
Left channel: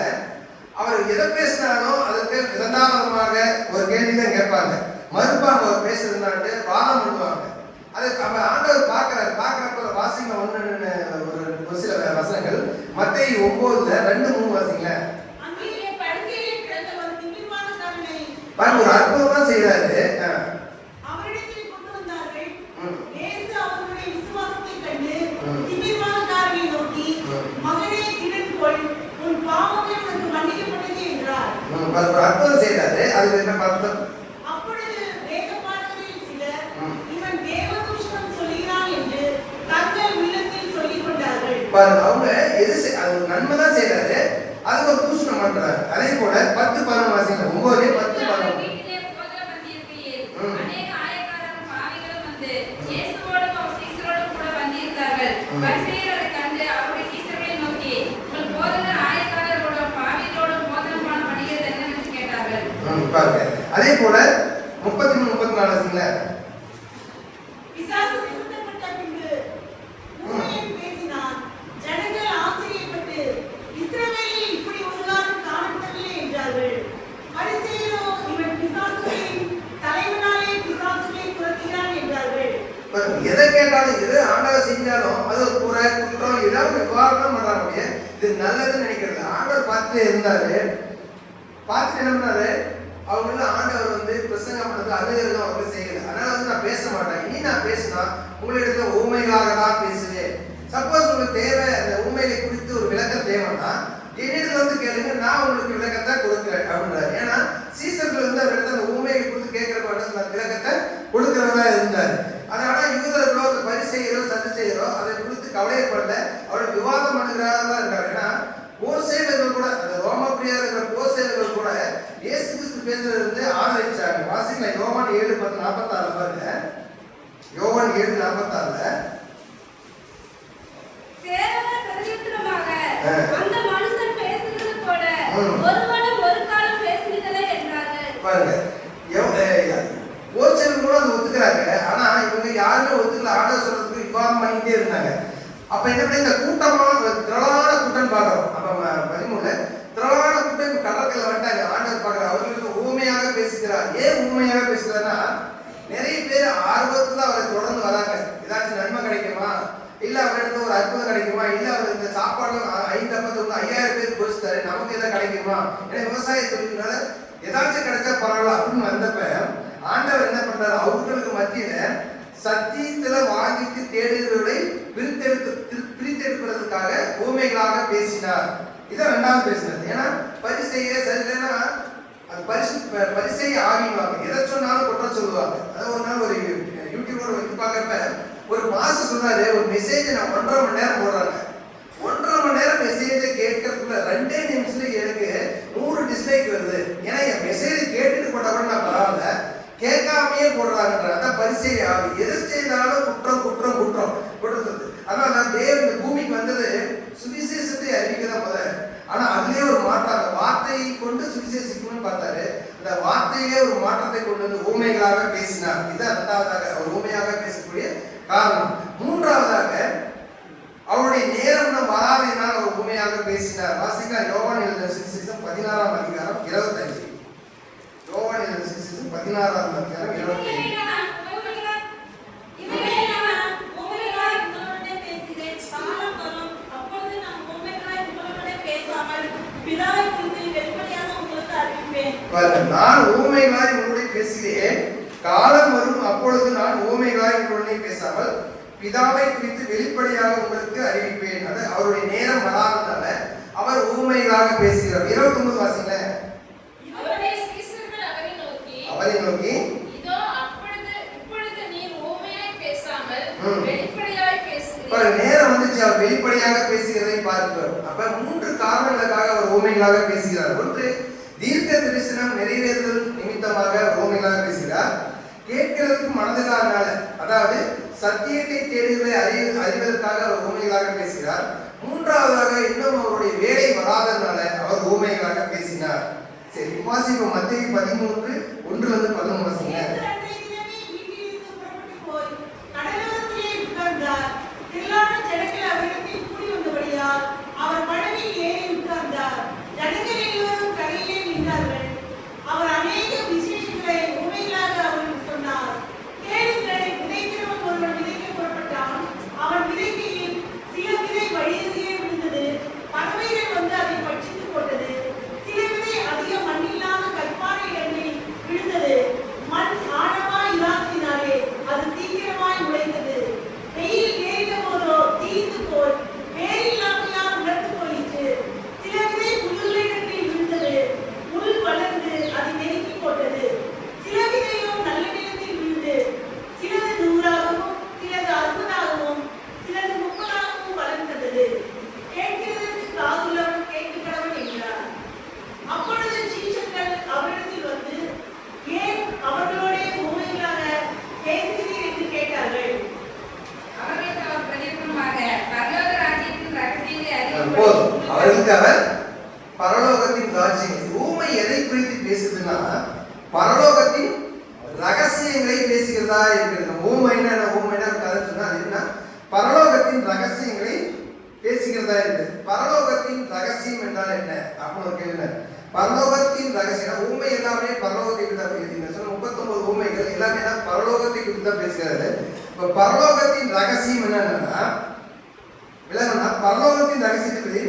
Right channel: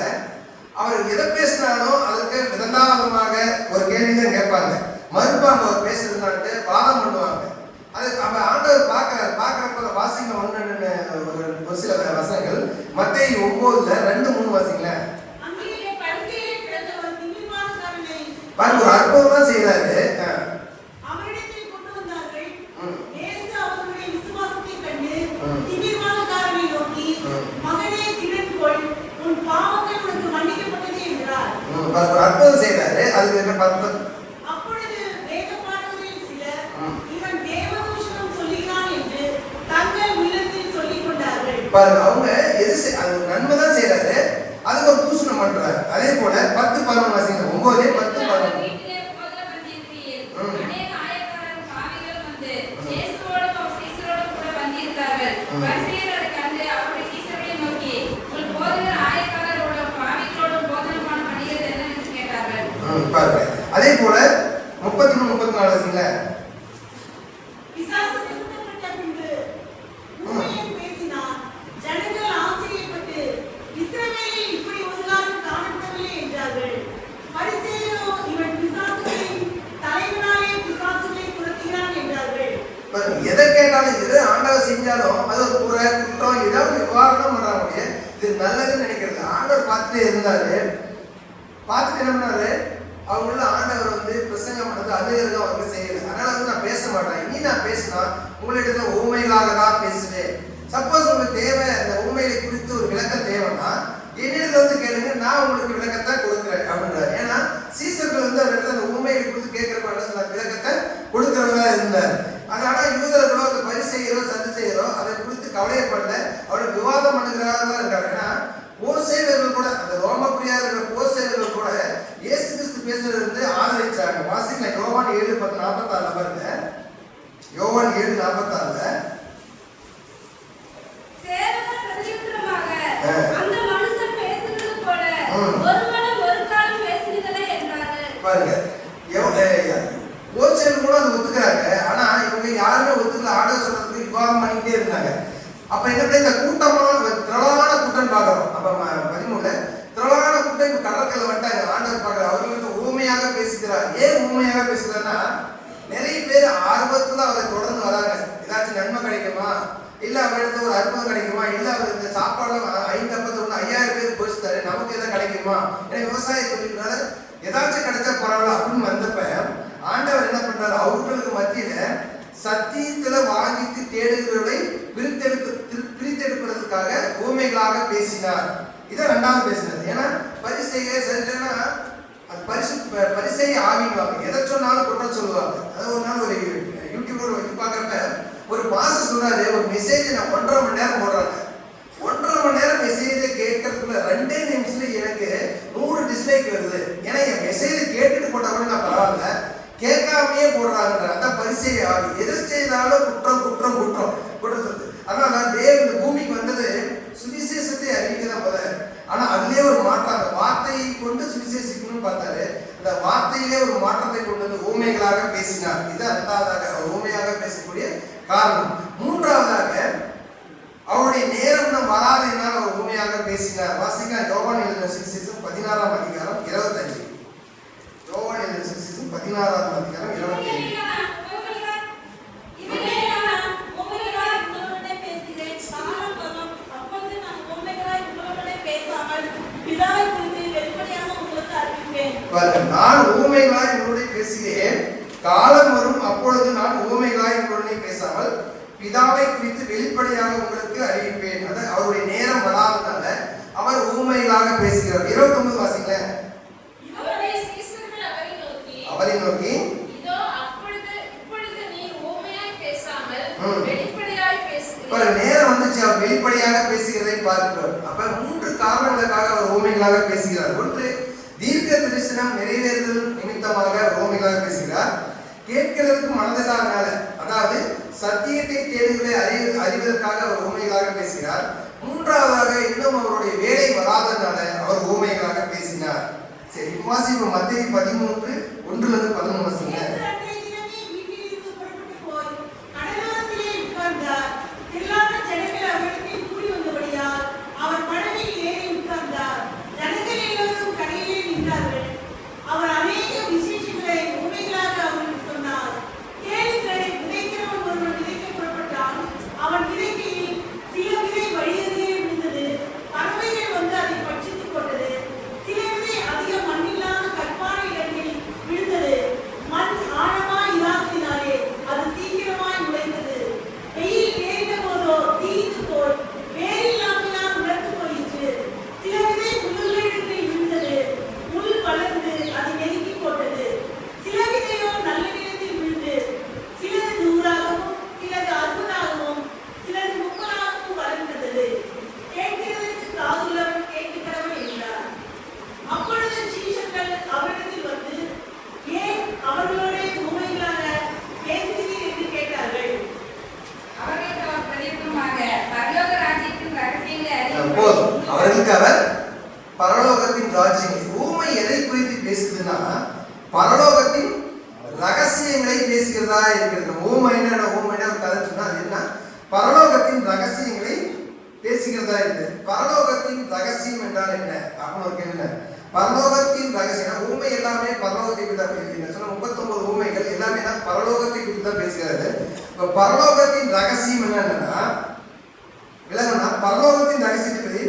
அவர் எதை பேசினாலும் அதற்கு விதந்தாவதமாக ஒரு கேள்விதான் கேட்பாங்க, மறுப்பாங்க. அவர் பேசுறதுனாட்டு வாதம் பண்ணுவாங்க. அது அவன் ஆண்டவர் பார்க்கறப்ப வாசிங்க ஒரு சில வசனங்கள். மத்தேயு 9:2-3 வாசிங்கள. ஒரு அற்புதம் தான் செய்யறாரு. ஒரு அற்புதம் செய்யறாரு. அதுக்கு என்ன பார்த்தோம்? பாருங்க, அவங்க அது நன்மை தான் செய்யறாரு, அதுக்கு ஒரு தூஷணம் பண்றாரு. அதே போல 10-11 வாசிங்க. 9:10-11. பாருங்க, அதே போல 33-34 வாசிங்கள. எதை கேட்டாலும் எது ஆண்டவர் செஞ்சாலும் அது ஒரு குறை குற்றம் ஏதாவது விவாதம் பண்றாங்க. இது நல்லதுன்னு நினைக்கிறது. ஆண்டவர் பார்த்துட்டே இருந்தாரு. பார்த்துட்டு என்ன பண்ணாரு, அவங்கள ஆண்டவர் வந்து பிரசங்கம் பண்ணது அநேகர்கள் அவங்க செய்யல. அதனால வந்து நான் பேச மாட்டேன். இனி நான் பேசினா உங்களிடத்துல ஊமைகளாக தான் பேசுவேன். சப்போஸ் உங்களுக்கு தேவை, அந்த ஊமைகளை குறித்து ஒரு விளக்கம் தேவைன்னா என்னிடத்துல வந்து கேளுங்க, நான் உங்களுக்கு விளக்கத்தை கொடுக்குறேன் அப்படின்றாரு. ஏன்னா சீசர்கள் வந்து அவரிடத்துல அந்த ஊமைகளை குறித்து கேட்கிறப்ப விளக்கத்தை கொடுக்கிறவங்க இருந்தார். அதனால யூதர்களோ அந்த பரிசேயரோ சதுசேயரோ அதை குறித்து கவலைப்படல, அவருடைய விவாதம் பண்ணுகிறதா இருக்காரு. ஏன்னா போர்சேயர்கள் கூட, அந்த ரோமப்பிரியா இருக்கிற போர்சேயர்கள் கூட இயேசு கிறிஸ்து பேசுறது வந்து ஆதரிச்சாங்க. வாசிங்களா, யோவான் 7:46 பாருங்க. யோவான் 7:46. பாருங்க, போர்சேயர்கள் கூட அதை ஒத்துக்கிறாங்க. ஆனா இவங்க யாருமே ஒத்துக்கல. ஆண்டவர் சொல்றதுக்கு விவாதம் பண்ணிட்டே இருந்தாங்க. அப்ப என்ன பண்ண, இந்த கூட்டமான திரளான கூட்டம் பார்க்கிறோம். அப்ப 13 திரளான கூட்டம் இப்ப கடற்கரையில் வந்துட்டாங்க. ஆண்டவர் பார்க்கிறார், அவர்களுக்கு ஊமையாக பேசுகிறார். ஏன் ஊமையாக பேசுகிறார்னா, நிறைய பேர் ஆர்வத்துல அவரை தொடர்ந்து வராங்க. ஏதாச்சும் நன்மை கிடைக்குமா, இல்ல அவரிடத்துல ஒரு அற்புதம் கிடைக்குமா, இல்ல அவர் இந்த சாப்பாடு 5 அப்பத்துல 5000 பேர் போச்சுட்டாரு, நமக்கு எதாவது கிடைக்குமா, ஏன்னா விவசாய தொழில்னால ஏதாச்சும் கிடைச்சா பரவாயில்ல அப்படின்னு வந்தப்ப ஆண்டவர் என்ன பண்றாரு, அவர்களுக்கு மத்தியில சத்தியத்துல வாங்கிட்டு தேடுகிறவர்களை பிரித்தெடுப்பதற்காக ஊமைகளாக பேசினார். இதை 2வது பேசினது. ஏன்னா பரிசேய சரினா அது பரிசேய ஆவின்வாங்க, எதை சொன்னாலும் குற்றம் சொல்லுவாங்க. அது ஒரு நாள் ஒரு யூடியூப்ல வச்சு பார்க்கறப்ப ஒரு மாசம் சொன்னாரு, ஒரு மெசேஜ் நான் 1.5 மணி நேரம் போடுறாங்க. 1.5 மணி நேரம் மெசேஜை கேட்கறதுக்குள்ள 2 நிமிஷத்துல எனக்கு 100 டிஸ்லைக் வருது. ஏன்னா என் மெசேஜ் கேட்டுட்டு போட்டா கூட நான் பரவாயில்ல, கேட்காமையே போடுறாங்கன்ற. அதான் பரிசேய ஆவி. எது செய்தாலும் குற்றம் குற்றம் குற்றம். ஊமையாக பேசினார். இது இரண்டாவதாக அவர் ஊமையாக பேசக்கூடிய காரணம். மூன்றாவதாக அவருடைய நேரம் வராதனால் அவர் ஊமையாக பேசினார். வாசிக்கலாம் யோவான் எழுதின சுவிசேஷம் 16ஆம் அதிகாரம் 25. யோவான் எழுதின சுவிசேஷம் 16ஆம் அதிகாரம் 25. நான் ஊமைகளாய் உங்களோட பேசுகிறேன், காலம் வரும் அப்பொழுது நான் ஊமைகளாய் உங்களுடனே பேசாமல் பிதாவை குறித்து வெளிப்படையாக உங்களுக்கு அறிவிப்பேன். அது அவருடைய நேரம் வராதனால அவர் ஊமைகளாக பேசுகிறார். 29 வாசிங்க. அவருடைய சீஷர்கள் அவரை நோக்கி இதோ இப்பொழுது நீர் ஊமையாய் பேசாமல் வெளிப்படையாய் பேசுகிறீர். ஒரு நேரம் வந்துச்சு அவர் வெளிப்படையாக பேசுகிறதை பார்க்கிறோம். அப்ப 3 காரணங்களுக்காக அவர் ஊமைகளாக பேசுகிறார். ஒன்று, தீர்க்க தரிசனம் நிறைவேறுதல் நிமித்தமாக ஊமைகளாக பேசுகிறார். கேட்கிறதுக்கு மனதுக்காக, அதாவது சத்தியத்தை தேடுகளை அறிவதற்காக அவர் ஊமைகளாக பேசுகிறார். மூன்றாவதாக இன்னும் அவருடைய வேலை வராதனால அவர் ஊமைகளாக பேசினார். சரி, வாசிப்போம். மத்தேயு 13:1-11 வாசிங்க. அவர் அநேக விசேஷங்களை உண்மைகளாக அவருக்கு சொன்னார். கேளுங்கள், விதைக்கிறவன் ஒருவன் விதைக்க புறப்பட்டான். அவன் விதைக்கையில் சில விதை வழியருகே விழுந்தது. பறவைகள் வந்து அதை பட்சித்துக் கொண்டது. சில விதை அதிக மண்ணில்லாத கற்பான இடங்களில் விழுந்தது. மண் ஆழமாய் இல்லாததினாலே அது சீக்கிரமாய் முளைத்தது. வெயில் ஏறின போதோ தீர்த்து போல் வேறில்லாமையால் உலர்ந்து போயிற்று. சில விதை முள்ளுகளிடத்தில் விழுந்தது. முள் வளர்ந்து அதை நெருக்கி போட்டது. சில விதையோ நல்ல நிலத்தில் விழுந்து சிலது 100ஆகவும் சிலது 60ஆகவும் சிலது 30ஆகவும் வளர்ந்தது. கேட்கிறதற்கு காதுள்ளவன் கேட்கிறவன் என்றார். அப்பொழுது சீஷர்கள் அவரிடத்தில் வந்து, ஏன் அவர்களுடைய உண்மைகளாக பேசுகிறீர்கள் என்று கேட்டார்கள். அவர்களுக்கு அவர் பிரதியுத்தரமாக, பரலோக ராஜ்யத்தின் ரகசியங்களை போதும். அவர்களுக்கு அவர் பரலோகத்தின் ராஜ்யம். ஊமை எதை குறித்து பேசுதுன்னா பரலோகத்தின் ரகசியங்களை பேசுகிறதா இருக்கிறது. ஊமைன்னா ஊமைன்னா கதை சொன்னா அது என்ன? பரலோகத்தின் ரகசியங்களை பேசுகிறதா இருக்கு. பரலோகத்தின் ரகசியம் என்றால் என்ன அப்படின்னு ஒரு கேள்வி. பரலோகத்தின் ரகசியம் ஊமை எல்லாமே பரலோகத்தை குறித்து தான் பேசுகிறீங்க. 39 ஊமைகள் எல்லாமே பரலோகத்தை குறித்து தான் பேசுகிறது. இப்ப பரலோகத்தின் ரகசியம் என்னன்னா விளங்குனா பரலோகத்தின் ரகசியத்தை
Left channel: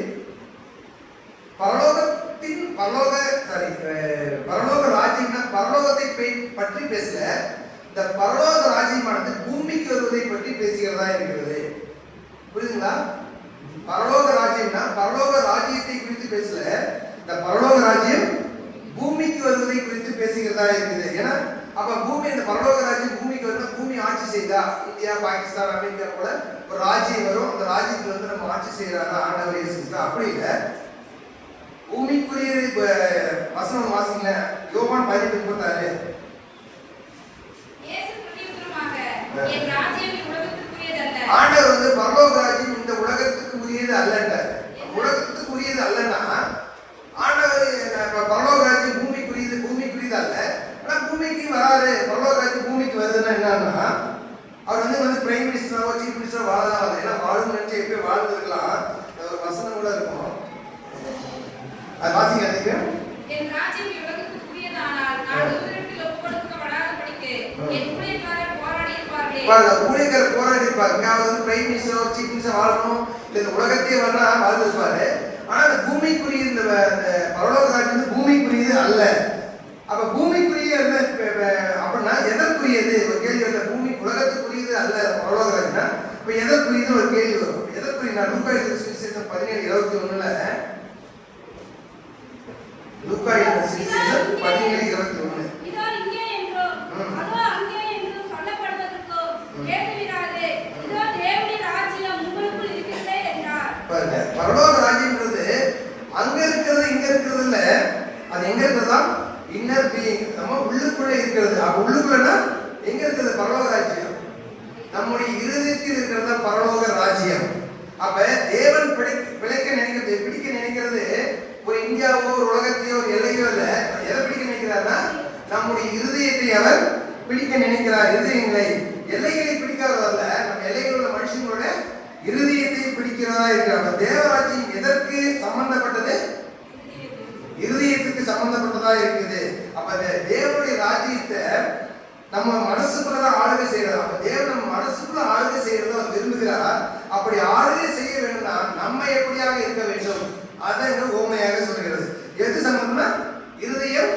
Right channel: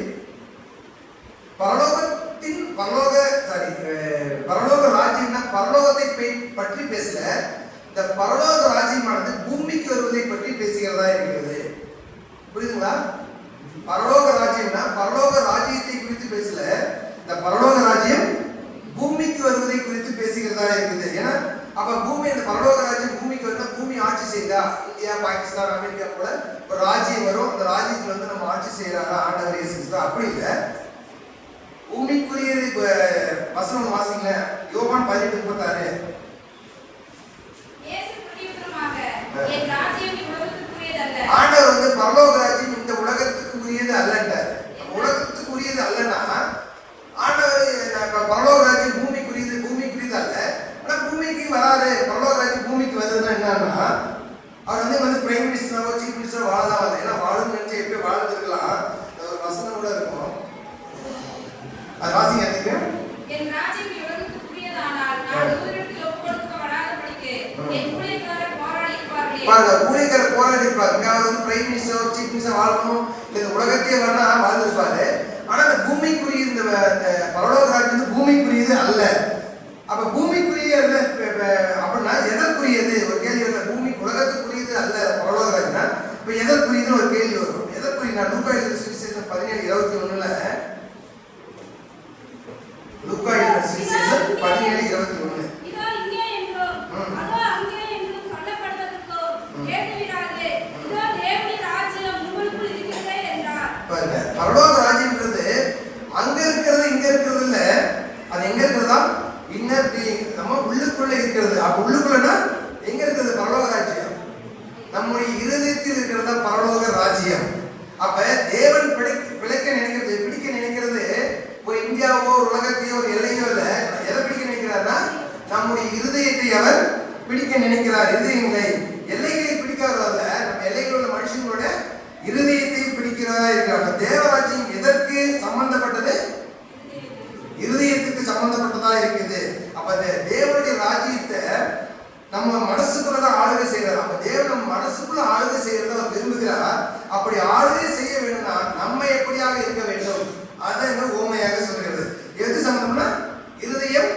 பரலோக ராஜ்யம்னா பரலோகத்தை பற்றி பேசல. இந்த பரலோக ராஜ்யமானது பூமிக்கு வருவதை பற்றி பேசுகிறதா இருக்கிறது. புரியுதுங்களா? பரலோக ராஜ்யம்னா பரலோக ராஜ்யத்தை குறித்து பேசல. இந்த பரலோக ராஜ்யம் பூமிக்கு வருவதை குறித்து பேசுகிறதா இருக்குது. ஏன்னா அப்ப பூமி, இந்த பரலோக ராஜ்யம் பூமிக்கு வந்தா பூமி ஆட்சி செய்தா இந்தியா, பாகிஸ்தான், அமெரிக்கா போல ஒரு ராஜ்யம் வரும். அந்த ராஜ்யத்துல வந்து நம்ம ஆட்சி செய்யறாங்க ஆண்டவர் இயேசு கிறிஸ்து. அப்படி இல்லை, பூமிக்குரியது. வசனம் வாசிங்க, யோவான் 10:36. இயேசு பிரதியுத்தரமாக, என் ராஜ்யம் இவ்வுலகத்துக்குரியதல்ல. ஆண்டவர் வந்து பரலோக ராஜ்யம் இந்த உலகத்துக்கு உரியது அல்லன்றார். உலகத்துக்கு உரியது அல்லன்னா ஆண்டவர் பரலோக ராஜ்யம் பூமிக்குரியது அல்ல. ஆனா பூமிக்கு வராது. பரலோக ராஜ்யம் பூமிக்கு வருதுன்னா என்னன்னா அவர் வந்து பிரைம் மினிஸ்டராவோ சீஃப் மினிஸ்டரோ வாழதான் வருது. ஏன்னா வாழும் நினைச்சு எப்பயும் வாழ்ந்துருக்கலாம். ஒரு வசனம் கூட இருக்கும். அது வாசிங்க. அதுக்கு என் ராஜ்யம் இவ்வுலகத்துக்குரியதானால் நான் ஒருவருக்கு ஒப்புக்கொடுக்கப்படாதபடிக்கு என் ஊழியக்காரர் போராடி இருப்பார்களே. பாருங்க, ஊழியக்காரர் போராடி இருப்பாங்க. அவர் வந்து பிரைம் மினிஸ்டர் சீஃப் மினிஸ்டர் வாழணும், இந்த உலகத்தையே வரனா வாழ்ந்துருப்பாரு. ஆனா இந்த பூமிக்குரிய இந்த பரலோக ராஜ்யம் வந்து பூமிக்குரியது அல்ல. அப்ப பூமிக்குரிய அப்படின்னா எதற்குரியது ஒரு கேள்வி வருது. பூமி உலகத்துக்குரியது அல்ல பரலோக ராஜ்யம். இப்ப எதற்குரியது ஒரு கேள்வி வரும். எதற்குரிய லூக்கா எழுதின சுவிசேஷம் 17:21 லூக்கா எழுதின சுவிசேஷம் 17:21 இதோ இங்கே என்றோ அதோ அங்கே என்று சொல்லப்படுவதற்கோ கேட்டுவிடாதே. இதோ தேவனின் ராஜ்யம் உங்களுக்குள் இருக்கிறதே என்றார். பாருங்க, பரலோக ராஜ்யம்ன்றது அங்க இருக்கிறது இங்க இருக்கிறது இல்ல. அது எங்க இருக்கிறதா? இன்னர் பீயிங், நம்ம உள்ளுக்குள்ள இருக்கிறது. அப்ப உள்ளுக்குள்ளனா எங்க இருக்கிறது? பரலோக ராஜ்யம் நம்முடைய இருதயத்தில் இருக்கிறது பரலோக ராஜ்யம். அப்ப தேவன் பிடிக்க நினைக்கிறது, பிடிக்க பிடிக்க நினைக்கிறார். இருதயங்களை, எல்லைகளை பிடிக்காதவர்ல நம்ம எல்லைகள் உள்ள மனுஷங்களோட இருதயத்தை பிடிக்கிறதா இருக்கிறார். தேவராஜ்யம் எதற்கு சம்பந்தப்பட்டது? இருதயத்துக்கு சம்பந்தப்பட்டதா இருக்குது. அப்ப தேவனுடைய ராஜ்யத்தை நம்ம மனசுக்குள்ளதான் ஆளுகை செய்யறாரு. அப்ப தேவன் நம்ம மனசுக்குள்ள ஆளுகை செய்யறத அவர் விரும்புகிறார். அப்படி ஆளுகை செய்ய வேணும்னா நம்ம எப்படியாக இருக்க வேண்டும் அதை ஓமையாக சொல்கிறது. எது சம்பந்தம்னா இருதயம்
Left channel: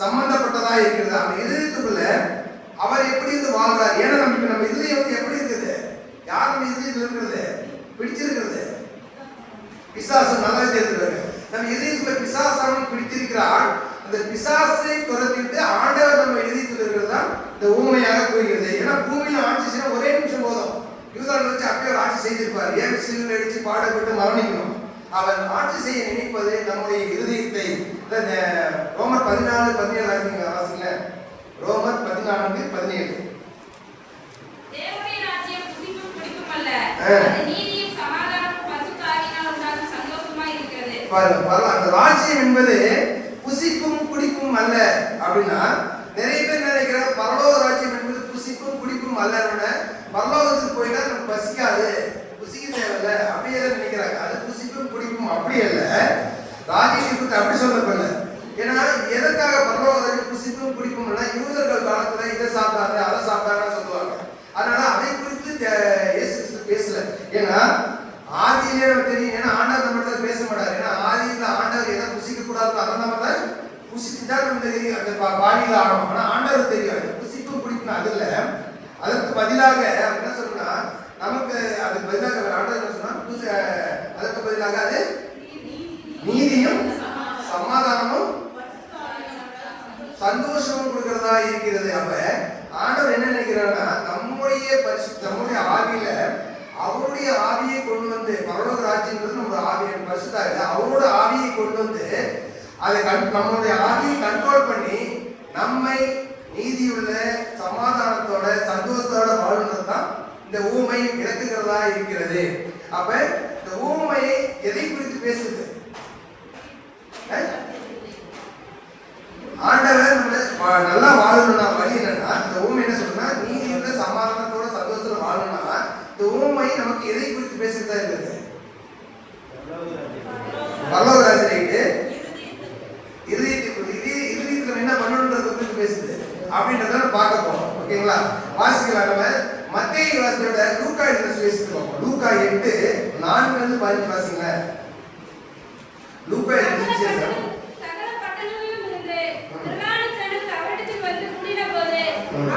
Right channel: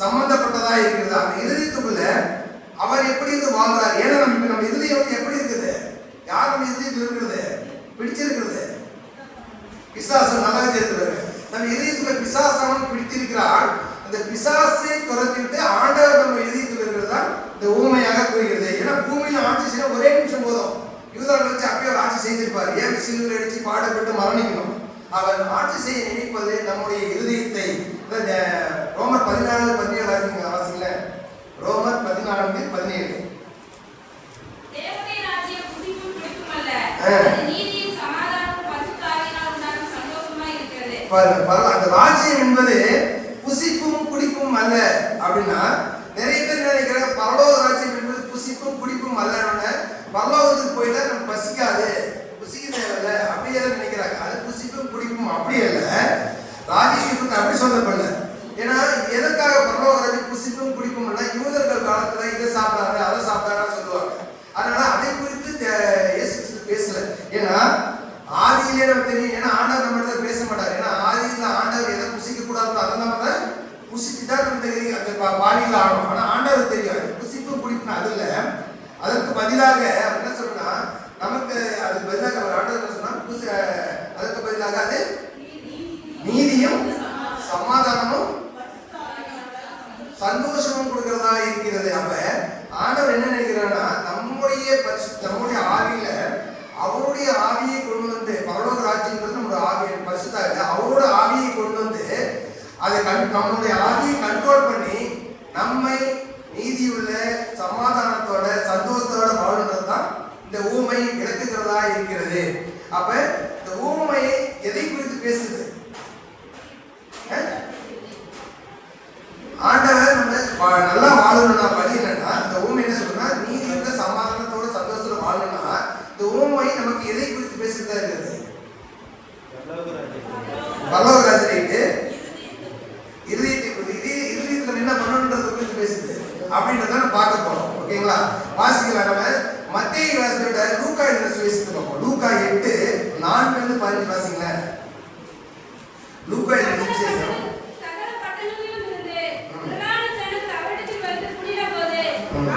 சம்பந்தப்பட்டதா இருக்கிறது. அந்த இருதயத்துக்குள்ள அவர் எப்படி இருந்து வாழ்றார். ஏன்னா நம்ம இருதயம் வந்து எப்படி இருக்குது? யார் நம்ம இருதயத்தில் இருக்கிறது? பிடிச்சிருக்கிறது பிசாசு. நல்லா தெரிஞ்சுக்கிறாங்க. நம்ம இதயத்துல பிசாசம் பிடித்திருக்கிறார். அந்த பிசாசை துரத்திட்டு ஆண்டவர் நம்ம இதயத்தில் இருக்கிறது தான் இந்த ஊமையாக கூறுகிறது. ஏன்னா பூமியில ஆட்சி செய்ய ஒரே நிமிஷம் போதும். யூதர்கள் வச்சு அப்பயே ஆட்சி செய்திருப்பார். ஏன் சிலுவையில் அடிச்சு பாடுபட்டு மரணிக்கணும்? அவர் ஆட்சி செய்ய நினைப்பது நம்முடைய இருதயத்தை. ரோமர் 14:17 வாசிங்கள. ரோமர் 14:17. தேவனுடைய ராஜ்யம் புசிப்பும் பிடிப்பும் அல்ல, அது நீதியும் சமாதானமும் பரிசுத்த ஆவியினால் உண்டாகும் சந்தோஷமாய் இருக்கிறது. பாருங்க, அந்த ராஜ்யம் என்பது புசிப்பும் குடிப்பும் அல்ல அப்படின்னா நிறைய பேர் நினைக்கிற பரலோக ராஜ்யம் என்பது புசிப்பும் குடிப்பும் அல்ல. பரலோகத்துக்கு போயிட்டா நம்ம பசிக்காது, புசிக்க தேவையில்ல அப்படியே நினைக்கிறாங்க. அது புசிப்பும் குடிப்பும் அப்படி அல்ல. ராஜ்யத்துக்கு அப்படி சொல்லப்படல. ஏன்னா எதற்காக பரலோக ராஜ்யம் புசிப்பும் குடிப்பும் அல்ல? யூதர்கள் காலத்துல இதை சாப்பிடாங்க அதை சாப்பிடாங்கன்னு சொல்லுவாங்க. அதனால அதை குறித்து இயேசு கிறிஸ்து பேசல. ஏன்னா ஆதியிலே நமக்கு தெரியும். ஏன்னா ஆண்டவர் நம்ம தான் பேச மாட்டார். ஏன்னா ஆதியில ஆண்டவர் எதை புசிக்க கூடாது அதை நம்ம புசிச்சுதான் நம்ம தெரியும். அந்த பாடியில் ஆடும். ஆனா ஆண்டவர் தெரியும் புசிப்பும் குடிப்பும் அது இல்ல. அதற்கு பதிலாக என்ன சொல்லணும்னா நமக்கு அதுக்கு பதிலாக ஆண்டவர் என்ன சொன்னா அதற்கு பதிலாக அது நீதியும் சமாதானமும் சந்தோஷமும் கொடுக்கிறதா இருக்கிறது. அப்ப ஆண்டவர் என்ன நினைக்கிறார்னா நம்முடைய ஆவியில அவருடைய ஆவியை கொண்டு வந்து பரலோக ராஜ்யங்கிறது நம்மளோட ஆவியை பரிசுத்தா இருக்கு. அவரோட ஆவியை கொண்டு வந்து அதை நம்மளுடைய ஆவியை கண்ட்ரோல் பண்ணி நம்மை நீதியுள்ள சமாதானத்தோட சந்தோஷத்தோட வாழ்றது தான் இந்த ஊமை விளக்குகிறதா இருக்கிறது. அப்ப இந்த ஊமையை எதை குறித்து பேசுது? ஆண்டவர் நம்ம நல்லா வாழணும்னா வழி என்னன்னா இந்த ஊமை என்ன சொல்றா நீதியுள்ள சமாதானத்தோட சந்தோஷத்தோட வாழணும்னா இந்த ஊமை நமக்கு எதை குறித்து பேசுறதா இருக்குது? பரலோக ராஜ்யத்தை இருதயத்துக்கு என்ன பண்ணணும்ன்றது குறித்து பேசுது அப்படின்றத நம்ம பார்க்க போறோம். ஓகேங்களா? வாசிக்கலாம். நம்ம மத்தேயு வாசிக்கிற லூக்கா எழுதின சுவிசேஷம் லூக்கா 8:4-15 வாசிங்களேன். லூக்கா எழுதின சுவிசேஷம் சகல பட்டணங்களிலும் இருந்து பிரதான ஜனங்கள் அவரிடத்தில் வந்து கூடினபோது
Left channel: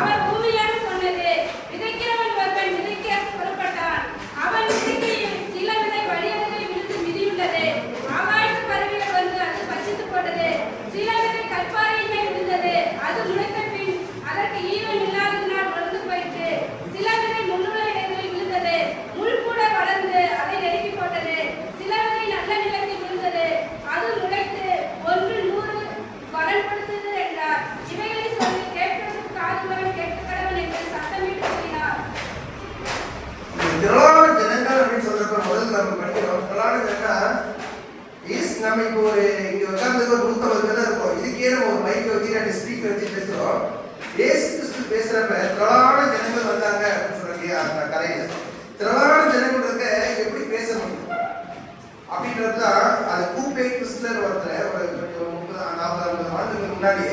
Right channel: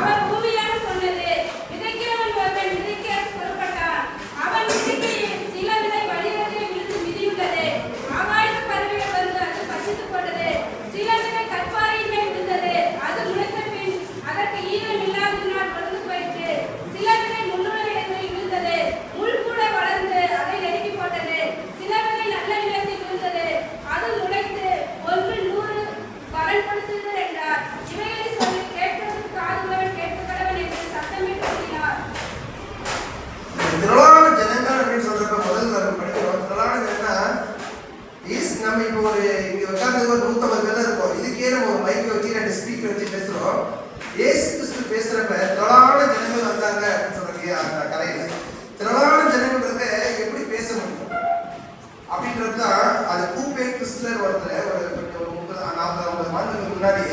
அவர் பூமியிலிருந்து சொன்னது, விதைக்கிறவன் ஒருவன் விதைக்க புறப்பட்டான். அவன் விதைக்கையில் சில விதை வழியருகில் விழுந்து மிதியுண்டது. ஆகாயத்து பறவைகள் வந்து அது பசித்து போட்டது. சில விதை கற்பாறையின் மேல் விழுந்தது. அது முளைத்த பின் அதற்கு ஈரம் இல்லாததினால் வளர்ந்து போயிற்று. சில விதை முள்ளுள்ள இடங்களில் விழுந்தது. முள் கூட வளர்ந்து அதை நெருக்கி போட்டது. சில விதை நல்ல நிலத்தில் விழுந்தது. அது முளைத்து 100 பலன் கொடுத்தது என்றார். இவைகளை சொல்லி கேட்கிறதுக்கு காதுள்ளவன் கேட்கக்கடவன் என்று சத்தமிட்டு கூறினார். திரளான ஜனங்கள் அப்படின்னு சொல்றப்ப முதல்ல நம்ம படிக்கிறோம். திரளான ஜனங்கள் நம்ம இப்போ ஒரு இங்க உட்கார்ந்து ஒரு 150 பேர் இருக்கோம். இதுக்கே நம்ம ஒரு மைக் வச்சு 2 ஸ்பீக்கர் வச்சு பேசுறோம். இயேசு கிறிஸ்து பேசுறப்ப திரளான ஜனங்கள் வந்தாங்க அப்படின்னு சொல்றீங்க. அந்த கரையில திரளான ஜனங்கள் இருக்க எப்படி பேச முடியும் அப்படின்றதுதான் அது கூப்பே கிறிஸ்துவர் ஒருத்தர் ஒரு 40-50 ஆண்டுகளுக்கு முன்னாடி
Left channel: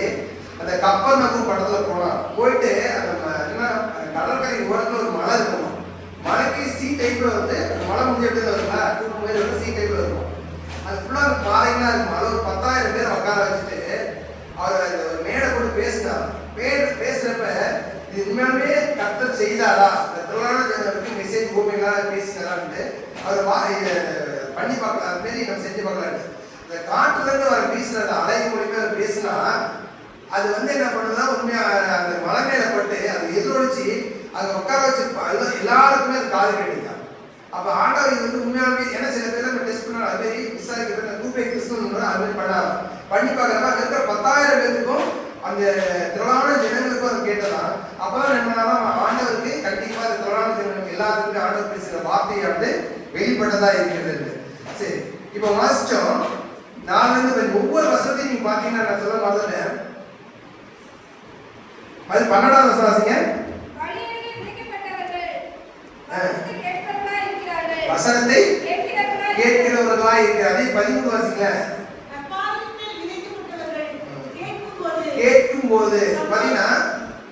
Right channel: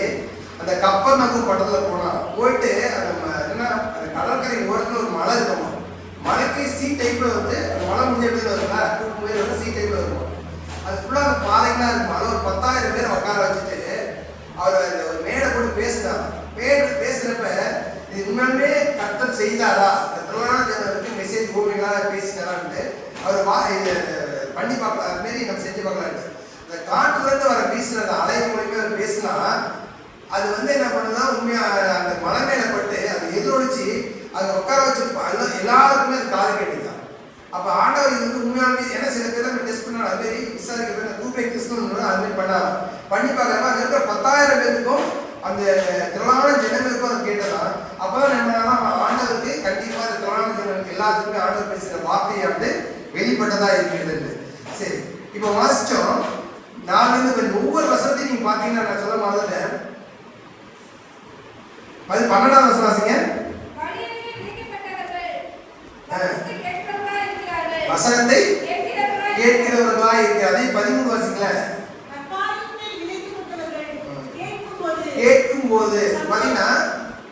அந்த கப்பல் நகர் படத்துல போயிட்டு அந்த கடற்கரை ஓரத்துல ஒரு மலை இருக்கும். மலைக்கு சி டைப்ல வந்து மலை முடிஞ்ச வருங்களா தூக்கு சி டைப்ல இருக்கும். அது ஃபுல்லா பாறைகளா இருக்கும். அது ஒரு 10,000 பேர் உட்கார வச்சுட்டு அவர் ஒரு மேடை போட்டு பேசினார். பேசுறப்ப இது உண்மையுமே கர்த்தர் செய்தாரா, திரளான ஜனங்களுக்கு மெசேஜ் பூமிகளாக பேசினாரான்ட்டு அவர் பண்ணி பார்க்கலாம். அது மாரி நம்ம செஞ்சு பார்க்கலாம். இந்த காட்டுல இருந்து வர பேசுறது அலை மூலியமா பேசினா அது வந்து என்ன பண்ணுதுன்னா உண்மையா அந்த மலை மேல பட்டு அது எதிரொலிச்சு அங்க உட்கார வச்சு எல்லாருக்குமே அது காது கட்டிதான். அப்ப ஆண்டவர் இது வந்து உண்மையாவே ஏன்னா சில பேர் நம்ம டெஸ்ட் பண்ணாலும் அது மாதிரி விசாரிக்க பேர் கூப்பை கிறிஸ்துவ அது மாதிரி பண்ணி பார்க்கறப்ப அங்க இருக்கிற 10,000 பேருக்கும் அந்த திரளான ஜனங்களுக்கும் அது கேட்டதான். அப்பதான் என்னன்னா ஆண்டவருக்கு கண்டிப்பா அந்த திரளான ஜனங்களுக்கு எல்லாத்துக்குமே ஆண்டவர் பேசுகிற வார்த்தையை வந்து வெளிப்பட்டதா இருக்கிறது. சரி, இப்போ வாசிச்சோம். நான் வந்து ஒவ்வொரு வசனத்தையும் நீங்க பாத்தீங்கன்னா நான் சொல்ல மாதிரி 12வது வசனம் வாசிங்க. வழியருகே விதைக்கப்பட்டவர்கள் வசனத்தை கேட்கிறவர்களாய் இருக்கிறார்கள். வசனத்தை கேட்கிறவர்களாய் இருக்கிறார்கள். அதை 13 வாசிங்க. நற்காலத்திலே விதைக்கப்பட்டவர்கள் கேட்கும்போது பாத்தீங்கன்னா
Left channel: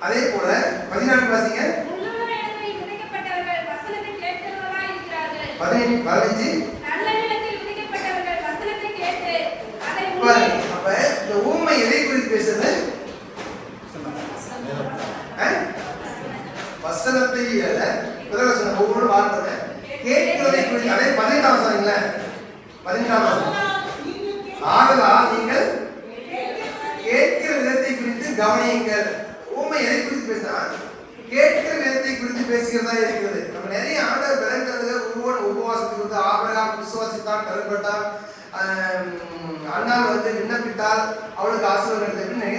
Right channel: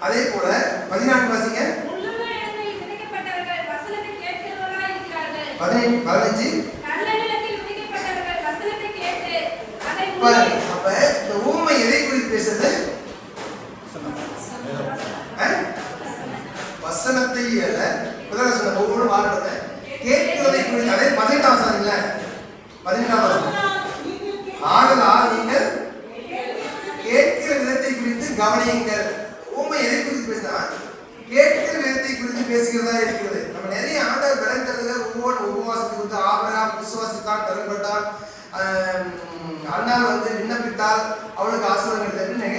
அதே போல 14 வாசிங்க. முள்ளுள்ள இடத்தில் விதைக்கப்பட்டவர்கள் வசனத்தை கேட்கிறவர்களாய் இருக்கிறார்கள். 15 நல்ல நிலத்தில் விதைக்கப்பட்டவர்கள் வசனத்தை கேட்டு அதை பாருங்க. அப்ப இந்த ஊமை எதை குறித்து பேசுது? வசனத்தை அல்ல, இப்பதான் சொன்ன ஒவ்வொரு வார்த்தை கேட்கிறதை குறித்து. அதே 18 வசனங்கள 18 வசனம். ஆதலால் நீங்கள் கேட்கிற விதத்தை குறித்து கவனியுங்கள். ஊமை எதை குறித்து பேசினா கேட்கிற விதத்தை குறித்து பேசுகிறதா இருக்கிறது. நம்ம நிறைய ஆண்டவர் விளங்குறதுல ஒவ்வொரு உபவாசத்துக்கு வந்து ஆபிரகாம் விசுவாசித்தான் கருப்பட்டான், அண்ணால் வந்து விண்ணப்பித்தால் அவளுக்கு ஆசீர்வாதம் கிடைத்ததுன்னு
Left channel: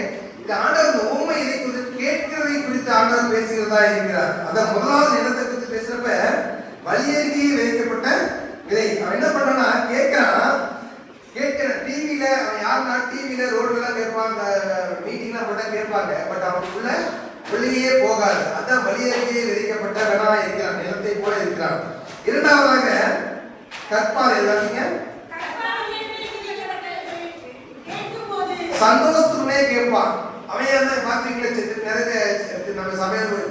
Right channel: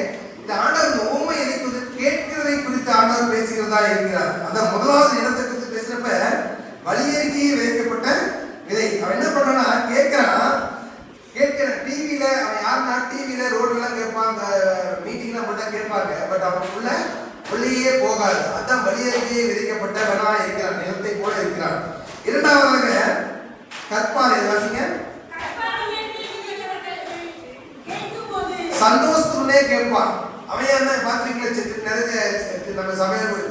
இந்த ஆண்டவர் ஊமை எதை குறித்து கேட்கிறதை குறித்து ஆண்டவர் பேசுகிறதா இருக்கிறார். அதான் முதலாவது இடத்தை குறித்து பேசுறப்ப வழியேறி வைக்கப்பட்ட விதை. அவன் என்ன பண்றான்னா கேட்கிறான். டிவியில அவன் யாருன்னா டிவியில ரோட்லாம் கேட்பாங்க, மீட்டிங்லாம் போட்டா கேட்பாங்க. பட் அவனுக்குள்ள வெளியே போகாது. அதான் வழியேறியே விதைக்கப்பட்ட வேணா இருக்கிறான், நிலத்தை போல இருக்கிறான். இரண்டாவதாக கற்பாறை வாசிங்க. சந்தோஷத்துடனே கேட்பான். அவன் என்ன பாக்குறீங்களா, நிறைய நம்ம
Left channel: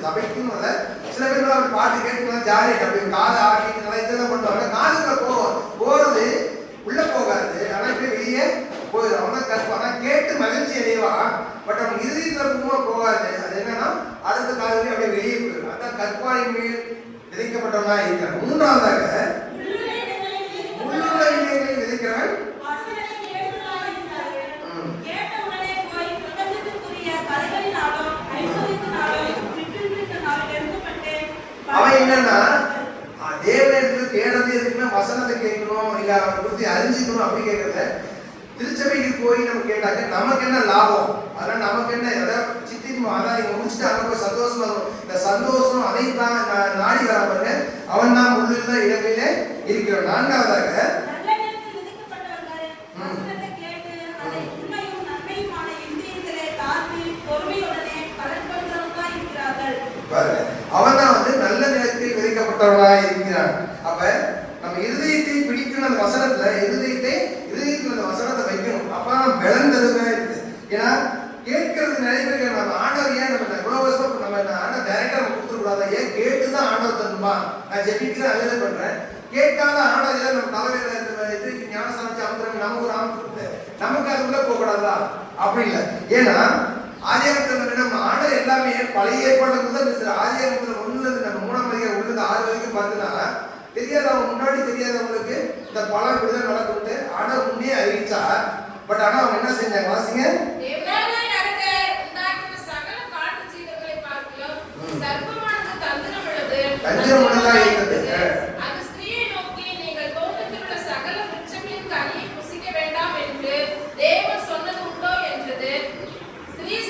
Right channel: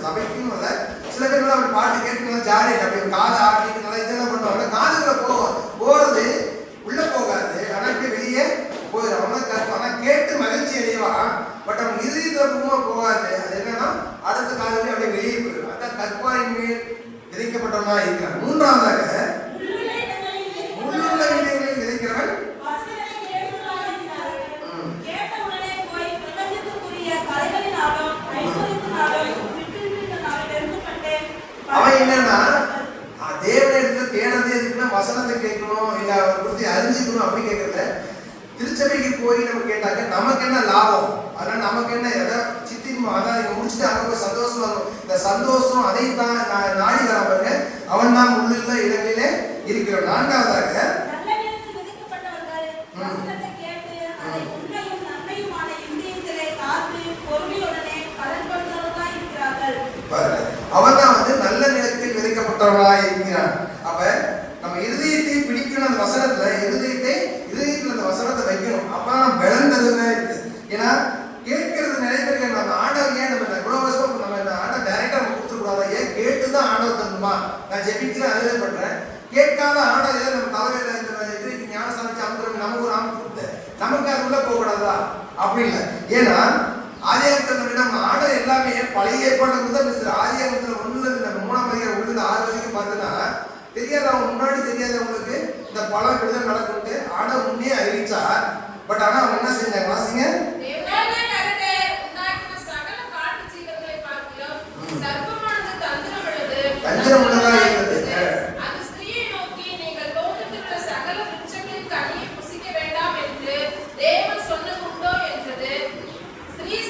சபைக்குன்னு இல்ல, சில பேர் அவன் பாட்டு கேட்டு ஜாலியாக அப்படி காதை ஆடிட்டு நல்லா இதெல்லாம் பண்ணுவாங்க. காதுக்குள்ள போறது உள்ள போகாது, ஆனா இப்படி வெளியே போயிடும். அவன் கற்பான். ஆனா கேட்டு மகிழ்ச்சி அடைவான். பட் அவன் இறுதியில போகாது. அது என்னன்னா அடுத்த காலையில அப்படியே வெளியே போயிடும். அதான் கற்பாரின் மேல் விதைக்கப்பட்டவனா இருக்கிறான். மூன்றாவதாக முள்ளுள்ள இடங்களில் விதைக்கிறவன் அவன் என்னன்னா தேவனிடத்துல தேடுறது எதுக்குன்னா வசனத்தை கேட்கணும், இல்ல அவரை குறித்து அறிஞ்சுக்கணும் அப்படி கேட்கறத. திருச்சபைக்கு போய் நம்ம கேட்டாக்க நமக்கு என்ன லாபம், அதனால நமக்கு என்ன எதாவது சித்தின் அதான் இங்க முடிச்சுட்டு அங்க போய் சந்தோஷமா இருக்கும். இந்த சந்தோஷம் அதைத்தான் நாடி வர பாருங்க. அவன் தான் உள்ளுள்ள இடங்களிலே இருக்கிறான். நான்காவதாக அவன் தான் வந்து நல்ல நிலத்தில் விதைக்கப்பட்டவனாய் இருக்கிறான். அப்ப நம்ம இருதயத்தை பிடிக்கணும். அந்த வசனத்துல இருதயத்தில் அந்த வசனத்தை வைக்கணும். அப்ப நம்ம விளந்ததுங்க இருக்கு. ஏன்னா கேட்கறது நிறைய பேருக்கு நம்ம ஆண்டவர் ஏன் நம்ம இவ்வளவு வருஷம் நம்ம ஆண்டவர் டைரக்டா நம்ம கொடுத்துக்கூடாது, ஏன் கேட்டுதான் ஆண்டவர் தருமா. நான் ஜெபிக்கிறேன், அதே பண்றேன். கேட்காத ஆண்டவர் நம்ம தலைமையில இதுக்கு ஞானசானிச்சு அமுத்துறோம், நமக்கு ஒரு ஆம் கொடுத்து நமக்கு அது உள்ள போக கூடாதா? அப்படி இல்லை. ஏன்னா ஆதியாகமத்துல நம்ம ஆண்டவர் எல்லாமே பழைய ஏற்பாடு தான் பேசுற. ஆதியாகமத்துல 1 நம்ம 3ஆம் அதிகாரம் 1-6 வரைக்கும் பார்த்தோன்னா தெரியாதவங்க முன்னாடி தெரியாதவங்களுக்கு இந்த பழம் இப்படிதான் நடக்கும்ட்டு ஆண்டவர் முன்னே அறிவிச்சார். பட் ஆனா அவங்க என்ன செஞ்சாங்க வாசிங்க. தந்திரம் உள்ளதா இருக்கிறது.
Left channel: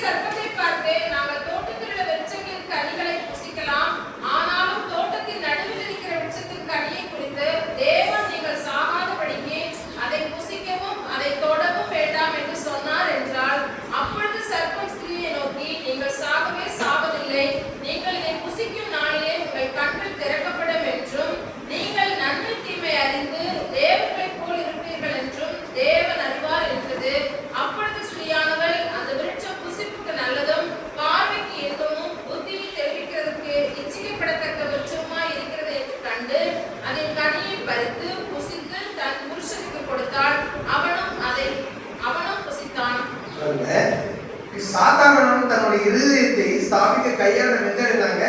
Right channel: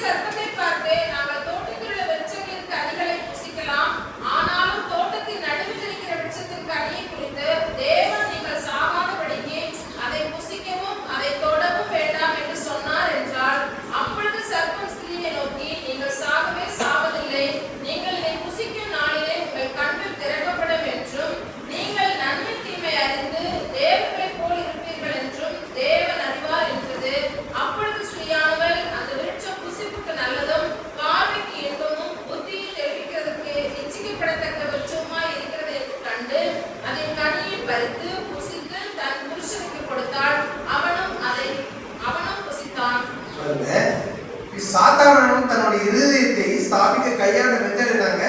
சர்ப்பத்தை பார்த்து நாங்கள் தோட்டத்தில் உள்ள விருட்சங்களின் கனிகளை புசிக்கலாம், ஆனாலும் தோட்டத்தின் நடுவில் இருக்கிற விருட்சத்தின் கனியை குறித்து தேவன் நீங்கள் சாகாதபடிக்கு அதை புசிக்கவும் அதை தொடவும் வேண்டாம் என்று சொன்னார் என்றால், அப்பொழுது சர்ப்பம் ஸ்திரீயை நோக்கி நீங்கள் சாகவே சாவதில்லை, நீங்கள் இதை புசிக்கும் நாளிலே உங்கள் கண்கள் திறக்கப்படும் என்றும் நீங்கள் நன்மை தீமை அறிந்து தேவர்களைப் போல் இருப்பீர்கள் என்றும் தேவன் அறிவார் என்றது. அப்பொழுது ஸ்திரீயானவள் அந்த விருட்சம் புசிப்புக்கு நல்லதும் பார்வைக்கு இன்பமும் புத்தியை தெரிவிக்கிறதுக்கு இச்சிக்கப்படத்தக்கவற்றுமாய் இருக்கிறது என்று கண்டு அதன் கனியை பறித்து புசித்து தன் புருஷனுக்கு கொடுத்தாள். அவனும் புசித்தான். சாத்தானும் தன்னுடைய இருதயத்தை ஸ்தாபிக்க கையாள மெத்தட் இருந்தாங்க.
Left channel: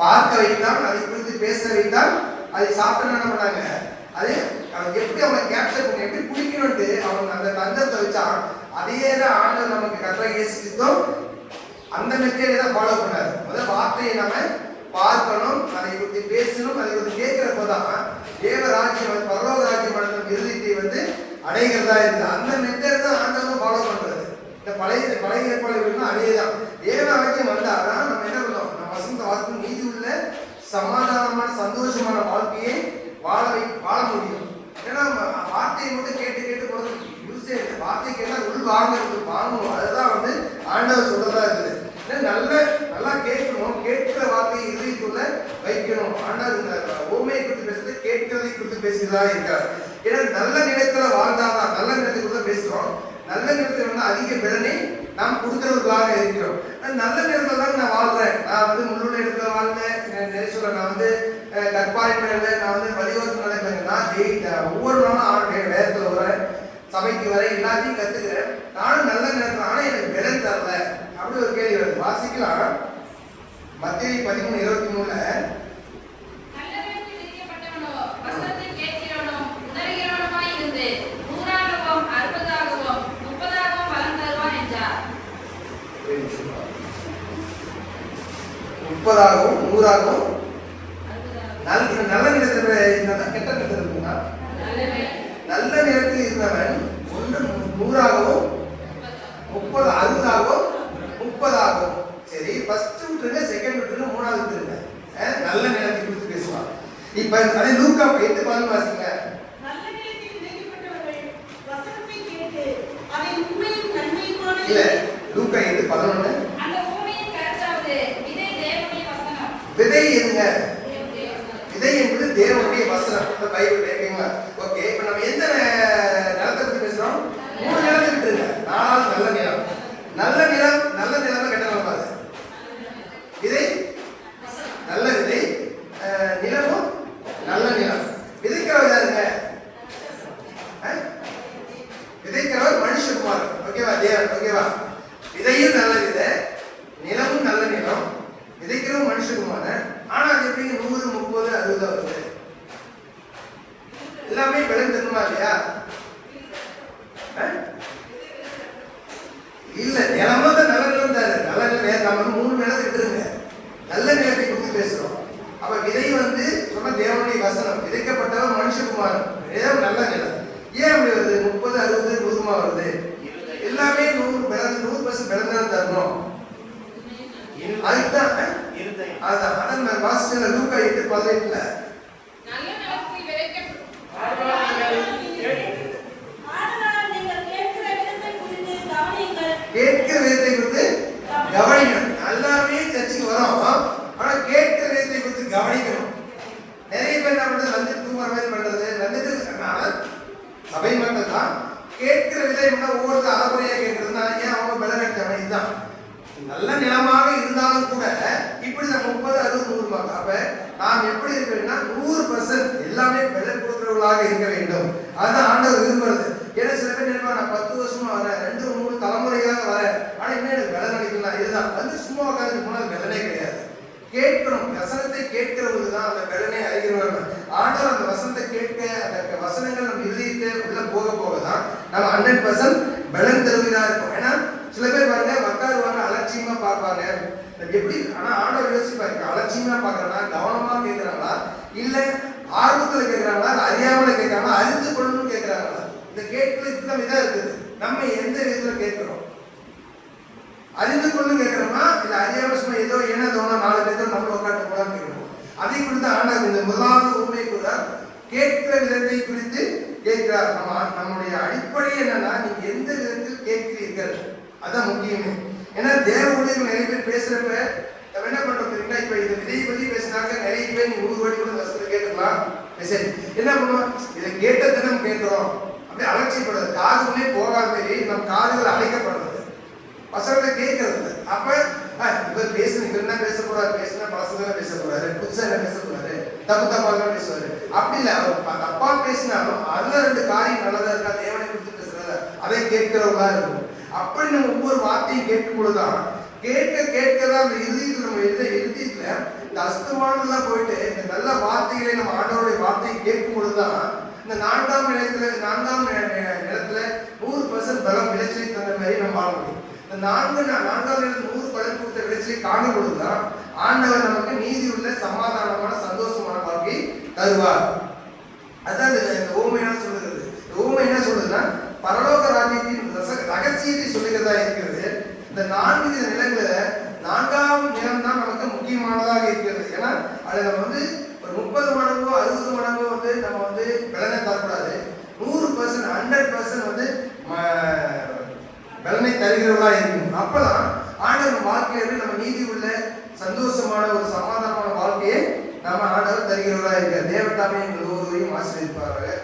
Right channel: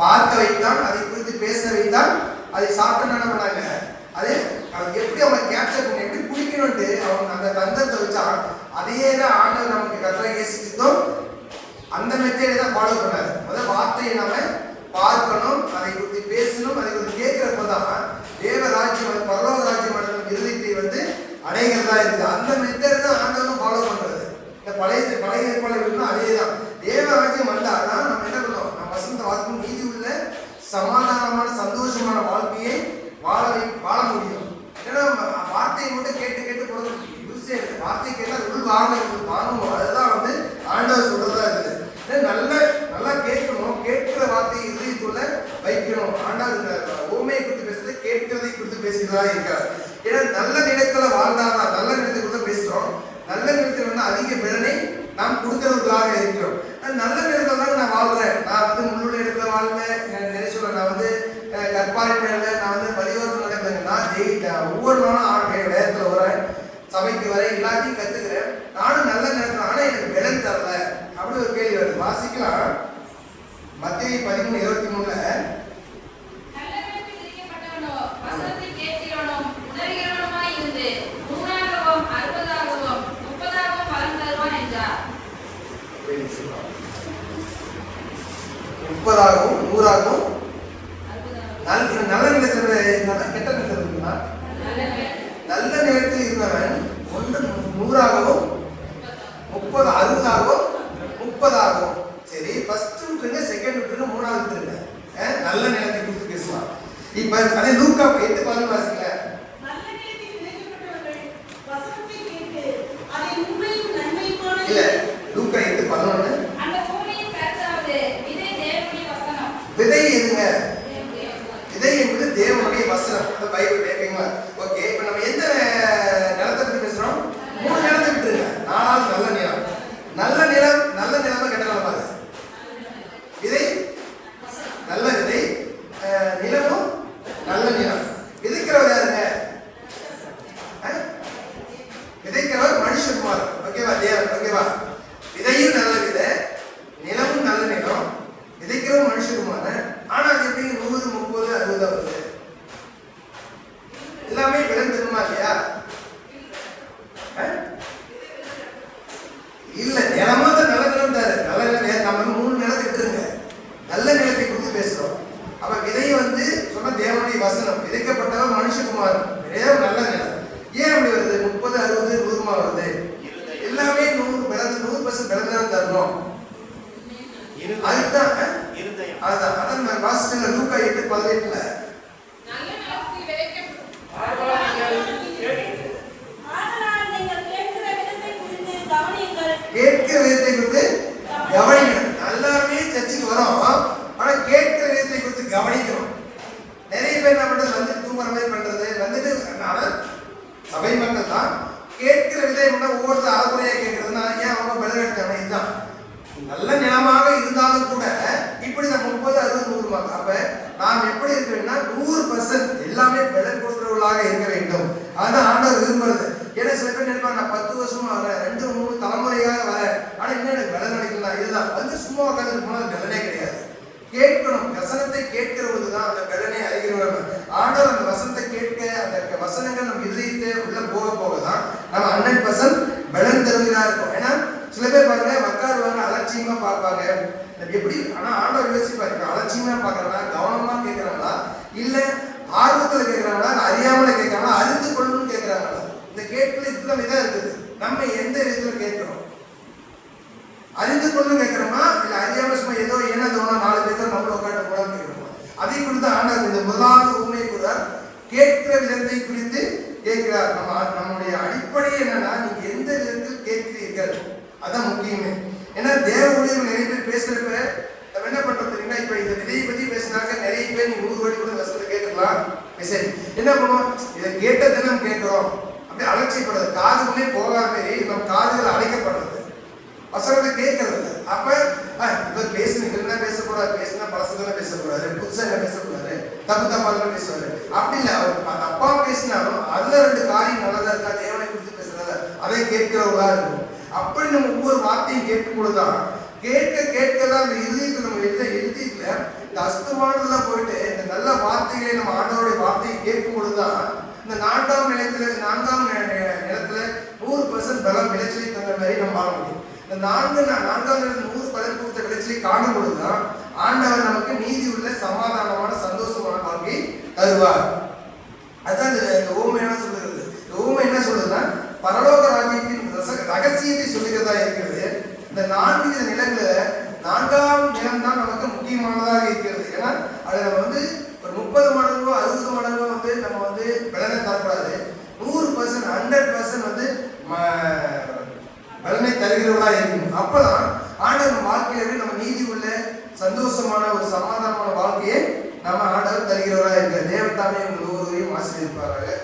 பார்க்க வைத்தான், அதை குறித்து பேச வைத்தான், அதை சாப்பிட்டு என்ன பண்ணாங்க, அதே எப்படி அவங்க கேப்சர் பண்ணி எப்படி பிடிக்கணும்ட்டு அவங்க அந்த தந்திரத்தை வச்சான். அதையே தான் ஆண்டவர் நமக்கு கர்த்தராகிய இயேசு கிறிஸ்து அந்த மெத்தேடை தான் ஃபாலோ பண்ணாரு. முதல்ல வார்த்தையை நாம பார்க்கணும், அதை குறித்து பேசணும், அதை குறித்து கேட்கிறப்பதான் தேவராஜ்யம் பரலோக ராஜ்யம் அடையும் இருதயத்தை வந்து அடைகிறதா இருக்குது. அந்த மெத்தேட் தான் ஆண்டவர் ஃபாலோ பண்றது. இந்த பழைய ஏற்பாடுகள்னா அதே தான். தேவராஜ்யம் வந்தாதான் நம்ம என்ன பண்ணோம், நம்ம வசந்த வாழ்க்கை நீதி உள்ள சமாதானமான சந்தோஷமான வாழ்க்கையை வாழ முடியும். ஏன்னா வார்த்தையை மட்டும் கேட்டு போறது யூஸே இல்லை. வார்த்தை கேட்டால் உள் வாங்கணும். அதுதான் வந்து ஆண்டவர் சொல்றதா இருக்குது. நல்ல கொடுக்கிறதா இருக்கிறார். ஏன்னா நல்ல நிலத்துல வாழ்ந்தாதான், நல்ல நிலத்துக்கு தான் பேசுறோம், நல்ல நிலத்துல வந்து அதிக பலனை நாம் கொடுக்கிறவர்களாக இருக்கிறோம். நல்ல நிலத்துல தான் நான் வாழ்றேன், நான் வந்து முள்ளுள்ள இடத்துல வாழ்ந்தேன், நினைச்சுக்கிறேன், நான் வந்து கற்பாரி மேல நான் வந்து வழியோரத்தில் நடக்கிறேன், நான் ஒவ்வொரு நாளும் வேதத்துல வரேன், சபைக்கு வரேன், எல்லாத்தையும் கத்துக்கிறேன், நானும் நல்ல நிலத்துல, ஆனா எனக்கு பலன் தரல. அப்படி ஒரு கேள்வி வருது. வாசிக்கலாம் மத்தேயு 13:23. முப்பதாகவும் 100ஆகவும் நல்ல நிலத்துல இருந்தா கெட்ட நிலத்துல இருக்குன்னா நல்ல நிலத்தில் இருந்தவன் 100ஆகவும் 30 60ஆகவும் 30ஆகவும். சரி, ஃபர்ஸ்ட் விட்டுருங்க, செகண்ட் விட்டுருங்க, மூணாவது விட்டுருங்க. நல்ல நிலத்தை குறித்து பேசுவான். இப்ப அதே லூக்கா 8:11 வாசிங்க. நல்ல நிலத்தில் விதைக்கப்பட்டவர்கள் வசனத்தை கேட்டு அதை உண்மையும் நன்மையுமான இல்ல, லூக்கா 8:11. விதை எதுங்க? விதை என்பது தேவனுடைய வசனம். இந்த பைபிள் கேட்குங்களா? ஓகே, இப்ப நம்ம எந்த நிலத்தை பத்தி பேசுறோம்? 3 நிலத்தை விட்டுருங்க. 4வது நல்ல நிலம். நல்ல நிலம், நல்ல நிலம் கெட்ட நிலம் பாருங்க. விதை நல்ல விதை, நிலமும் நல்ல நிலம். விதைக்கிறவர் யாருங்க? விதைக்கிறவர் மனுஷகுமார். ஓகேவா? தேவன். ஓகேவா? விதையும் நல்ல விதை, நிலமும் நல்ல நிலம், விதைக்கிறவன் மனுஷகுமார். ஆனா அது எப்படி 100, 30, 60 வருது? எல்லாமே பலன் தருமா இல்லையா? இல்ல, நிலமா தான் நல்ல நிலம் தாரு. நல்ல நிலம் நம்ம 3 நிலத்தை விட்டுருங்க, நல்ல நிலத்தை குறித்து பேசுறோம். அப்ப விதை வந்து சொன்ன தேவனுடைய வசனம், விதைக்கப்பட்டவன் மனுஷகுமார், நல்ல நிலம். ஏன் அப்படி வருது? 30, 60, 100 வருது? எல்லாமே 100% பலன் தரணும். அதுதான் அதான் வாசிக்கல லூக்கா 8:18. கேட்கிற விதத்தை குறித்து கவனிக்கணும். எல்லாருமே சர்ச்சுக்கு வரோம், ஆனா கேட்கிற விதத்தை குறித்து கவனிக்கணும். நிறைய பேர் என்ன பண்றது, வந்து தூங்குற மாதிரி பண்றது, வந்துட்டு சபை மக்கள் தான் கேட்கிற விதம் ஒவ்வொருத்தர் அறகுறையா கேட்கறதுனா ஏன் அவங்க பலன் எடுத்தாங்க. இதுதான் நல்ல நிலமாக இருந்தாலும் கூட இப்படி நம்ம 30, 60, 100. அப்ப நாம் எப்படி இருக்கணும்னா 100% எல்லாமே பலன் கொடுக்கிறவர்களாக இருக்க வேண்டும். அதுதான் ஆண்டவர் விரும்புறது. ஏன்னா சில பேர் நினைப்பாங்க, நான் 10 வருஷமா வரேன், 2, 3 தலைமுறையாக வரேன், ஆனா இன்னும் எனக்கு பலன் கிடைக்கலாம். இதுதான் வந்து சும்மா உட்காந்துட்டு போனா பலனே கிடையாது. கேட்கணும், வசனத்தை கேட்கிறவங்க தான் அந்த பலனை அறிகிறவர்கள். ஆண்டவர் அந்த வசனத்தை கேட்க, அந்த வசனங்கள் நம்ம இதயத்தை உள்ள போக போகதான் நம்ம 100% பலன் தருவதா இருக்கும். ஏன்னா சில பேர் பாருங்க, உட்காருவாங்க, அலட்சியமா பார்ப்பாங்க. எப்படி? ஆனா ஆண்டவர் யோசிப்பாரு, அலட்சியமா பாக்குறாங்களா, கவனமா கேட்கிறாங்களா, இல்ல ஆர்வத்துல கேட்கிறாங்களா, அறியாமல கேட்கிறாங்களா, அறிந்து கொள்ளணும்னு கேட்கிறாங்களா? இந்த கேட்கல இத்தனை விதம் இருக்குது. நம்ம எந்த விதத்துல கேட்கிறோம்? அறிந்து கொள்ளணும் கேட்கிறோமா, இல்ல அறியாம சும்மா ஏதோ ஏன்னா தோணும் 4 பேர் நம்மள உட்காந்து கூட கேட்கிறோம்? அதை குறித்து ஆண்டவர் இந்த முதலாவது உண்மை கூட கேட்கிற விதத்தை குறித்து கேட்கிறார். நம்முடைய அடிப்படை என்னன்னா, நீங்க எந்த விதத்தில் கேட்கிறீர்கள், அதான் முக்கியமே. ஏன்னா தேவ ஊழியர்கள் நிறைய பேர் பேசுறப்ப நம்ம என்ன பண்றோம் தெரியுங்களா? இப்ப இந்த விதையை பத்தி பேசினாக்க நிறைய பேர் நீங்க 100 கோடி கூட வசனத்தை கேட்கலாம். சரி, என்ன பண்ணுவோம்? இதை கேட்ட தினம் கேட்கிறோம், அப்படியே அலட்சியப்படுறது, காதுகளே போகாம நம் காதுகள் அழைக்கப்படுறது, வசனத்தை கேட்கறது. அப்ப இவர் பேசுனா பேச போறாரு, பேசினா பழசதான் பேச போறாரு, புதுசா என்ன பேச போறாரு, தப்பாதான் பேசுவாரு. அப்படி இல்ல, அவர் தப்பா பேசினாலும் அதுல 2 காரியம் நல்லதா இருக்கா, தேவனை குறித்து பேசுறத அதை கேட்கிறவங்களா இருக்கும். அப்படி நம்ம ஒவ்வொரு வார்த்தையும் கேட்கும் பொழுதுதான் கேட்கதான் அந்த இறுதிக்கு நம்ம இறுதியில இந்த அஸ்தமானதெல்லாம் போயிட்டு இந்த நல்ல வார்த்தைகளை நம்ம ஆண்டவருடைய வார்த்தையை கேட்கும் பொழுதுதான் இந்த 4ஆம் நிலத்துல 100% பலம் விளைச்சலை தந்த மாதிரி நம்ம வாழ முடியும். இந்த 4ஆம் நிலம் 100 பலன் கொடுத்த விளைச்சலை காணும் பொழுதுதான் ஆண்டவர் நமக்கு நீதி உள்ள சமாதானமான சந்தோஷமான வாழ்க்கை தருவார். அதான் இந்த ஓமை என்ன சொல்லுகிறது? இந்த ஓமை என்ன சொல்லுதுன்னா, பரலோக ராஜ்யத்தின் ரகசியத்தை சொல்லுகிறதா இருக்கிறது. இந்த 4 நிலங்கள 4ஆம் நிலம் தான் நமக்கு முக்கியமானதாக இருக்கிறது. ஏன்னா அதுல வந்து ஒரு 30 மடங்கோ 60 மடங்கோ வந்து நம்ம வந்து பலனை தரக்கூடாது. 100% 100% வந்து பலனை தருகிறவர்களா இருக்கணும். அப்பதான் ஆண்டவர் வாழ்க்கையில நம்ம நீதி உள்ள சந்தோஷமான ஒரு சமாதானமான வாழ்க்கையை நாம ஆண்டவர் தருகிறவர்களா இருக்க. தேவத்தாமே எங்கள் ஒருவரையும் ஆசீர்வதிப்பார்கள்.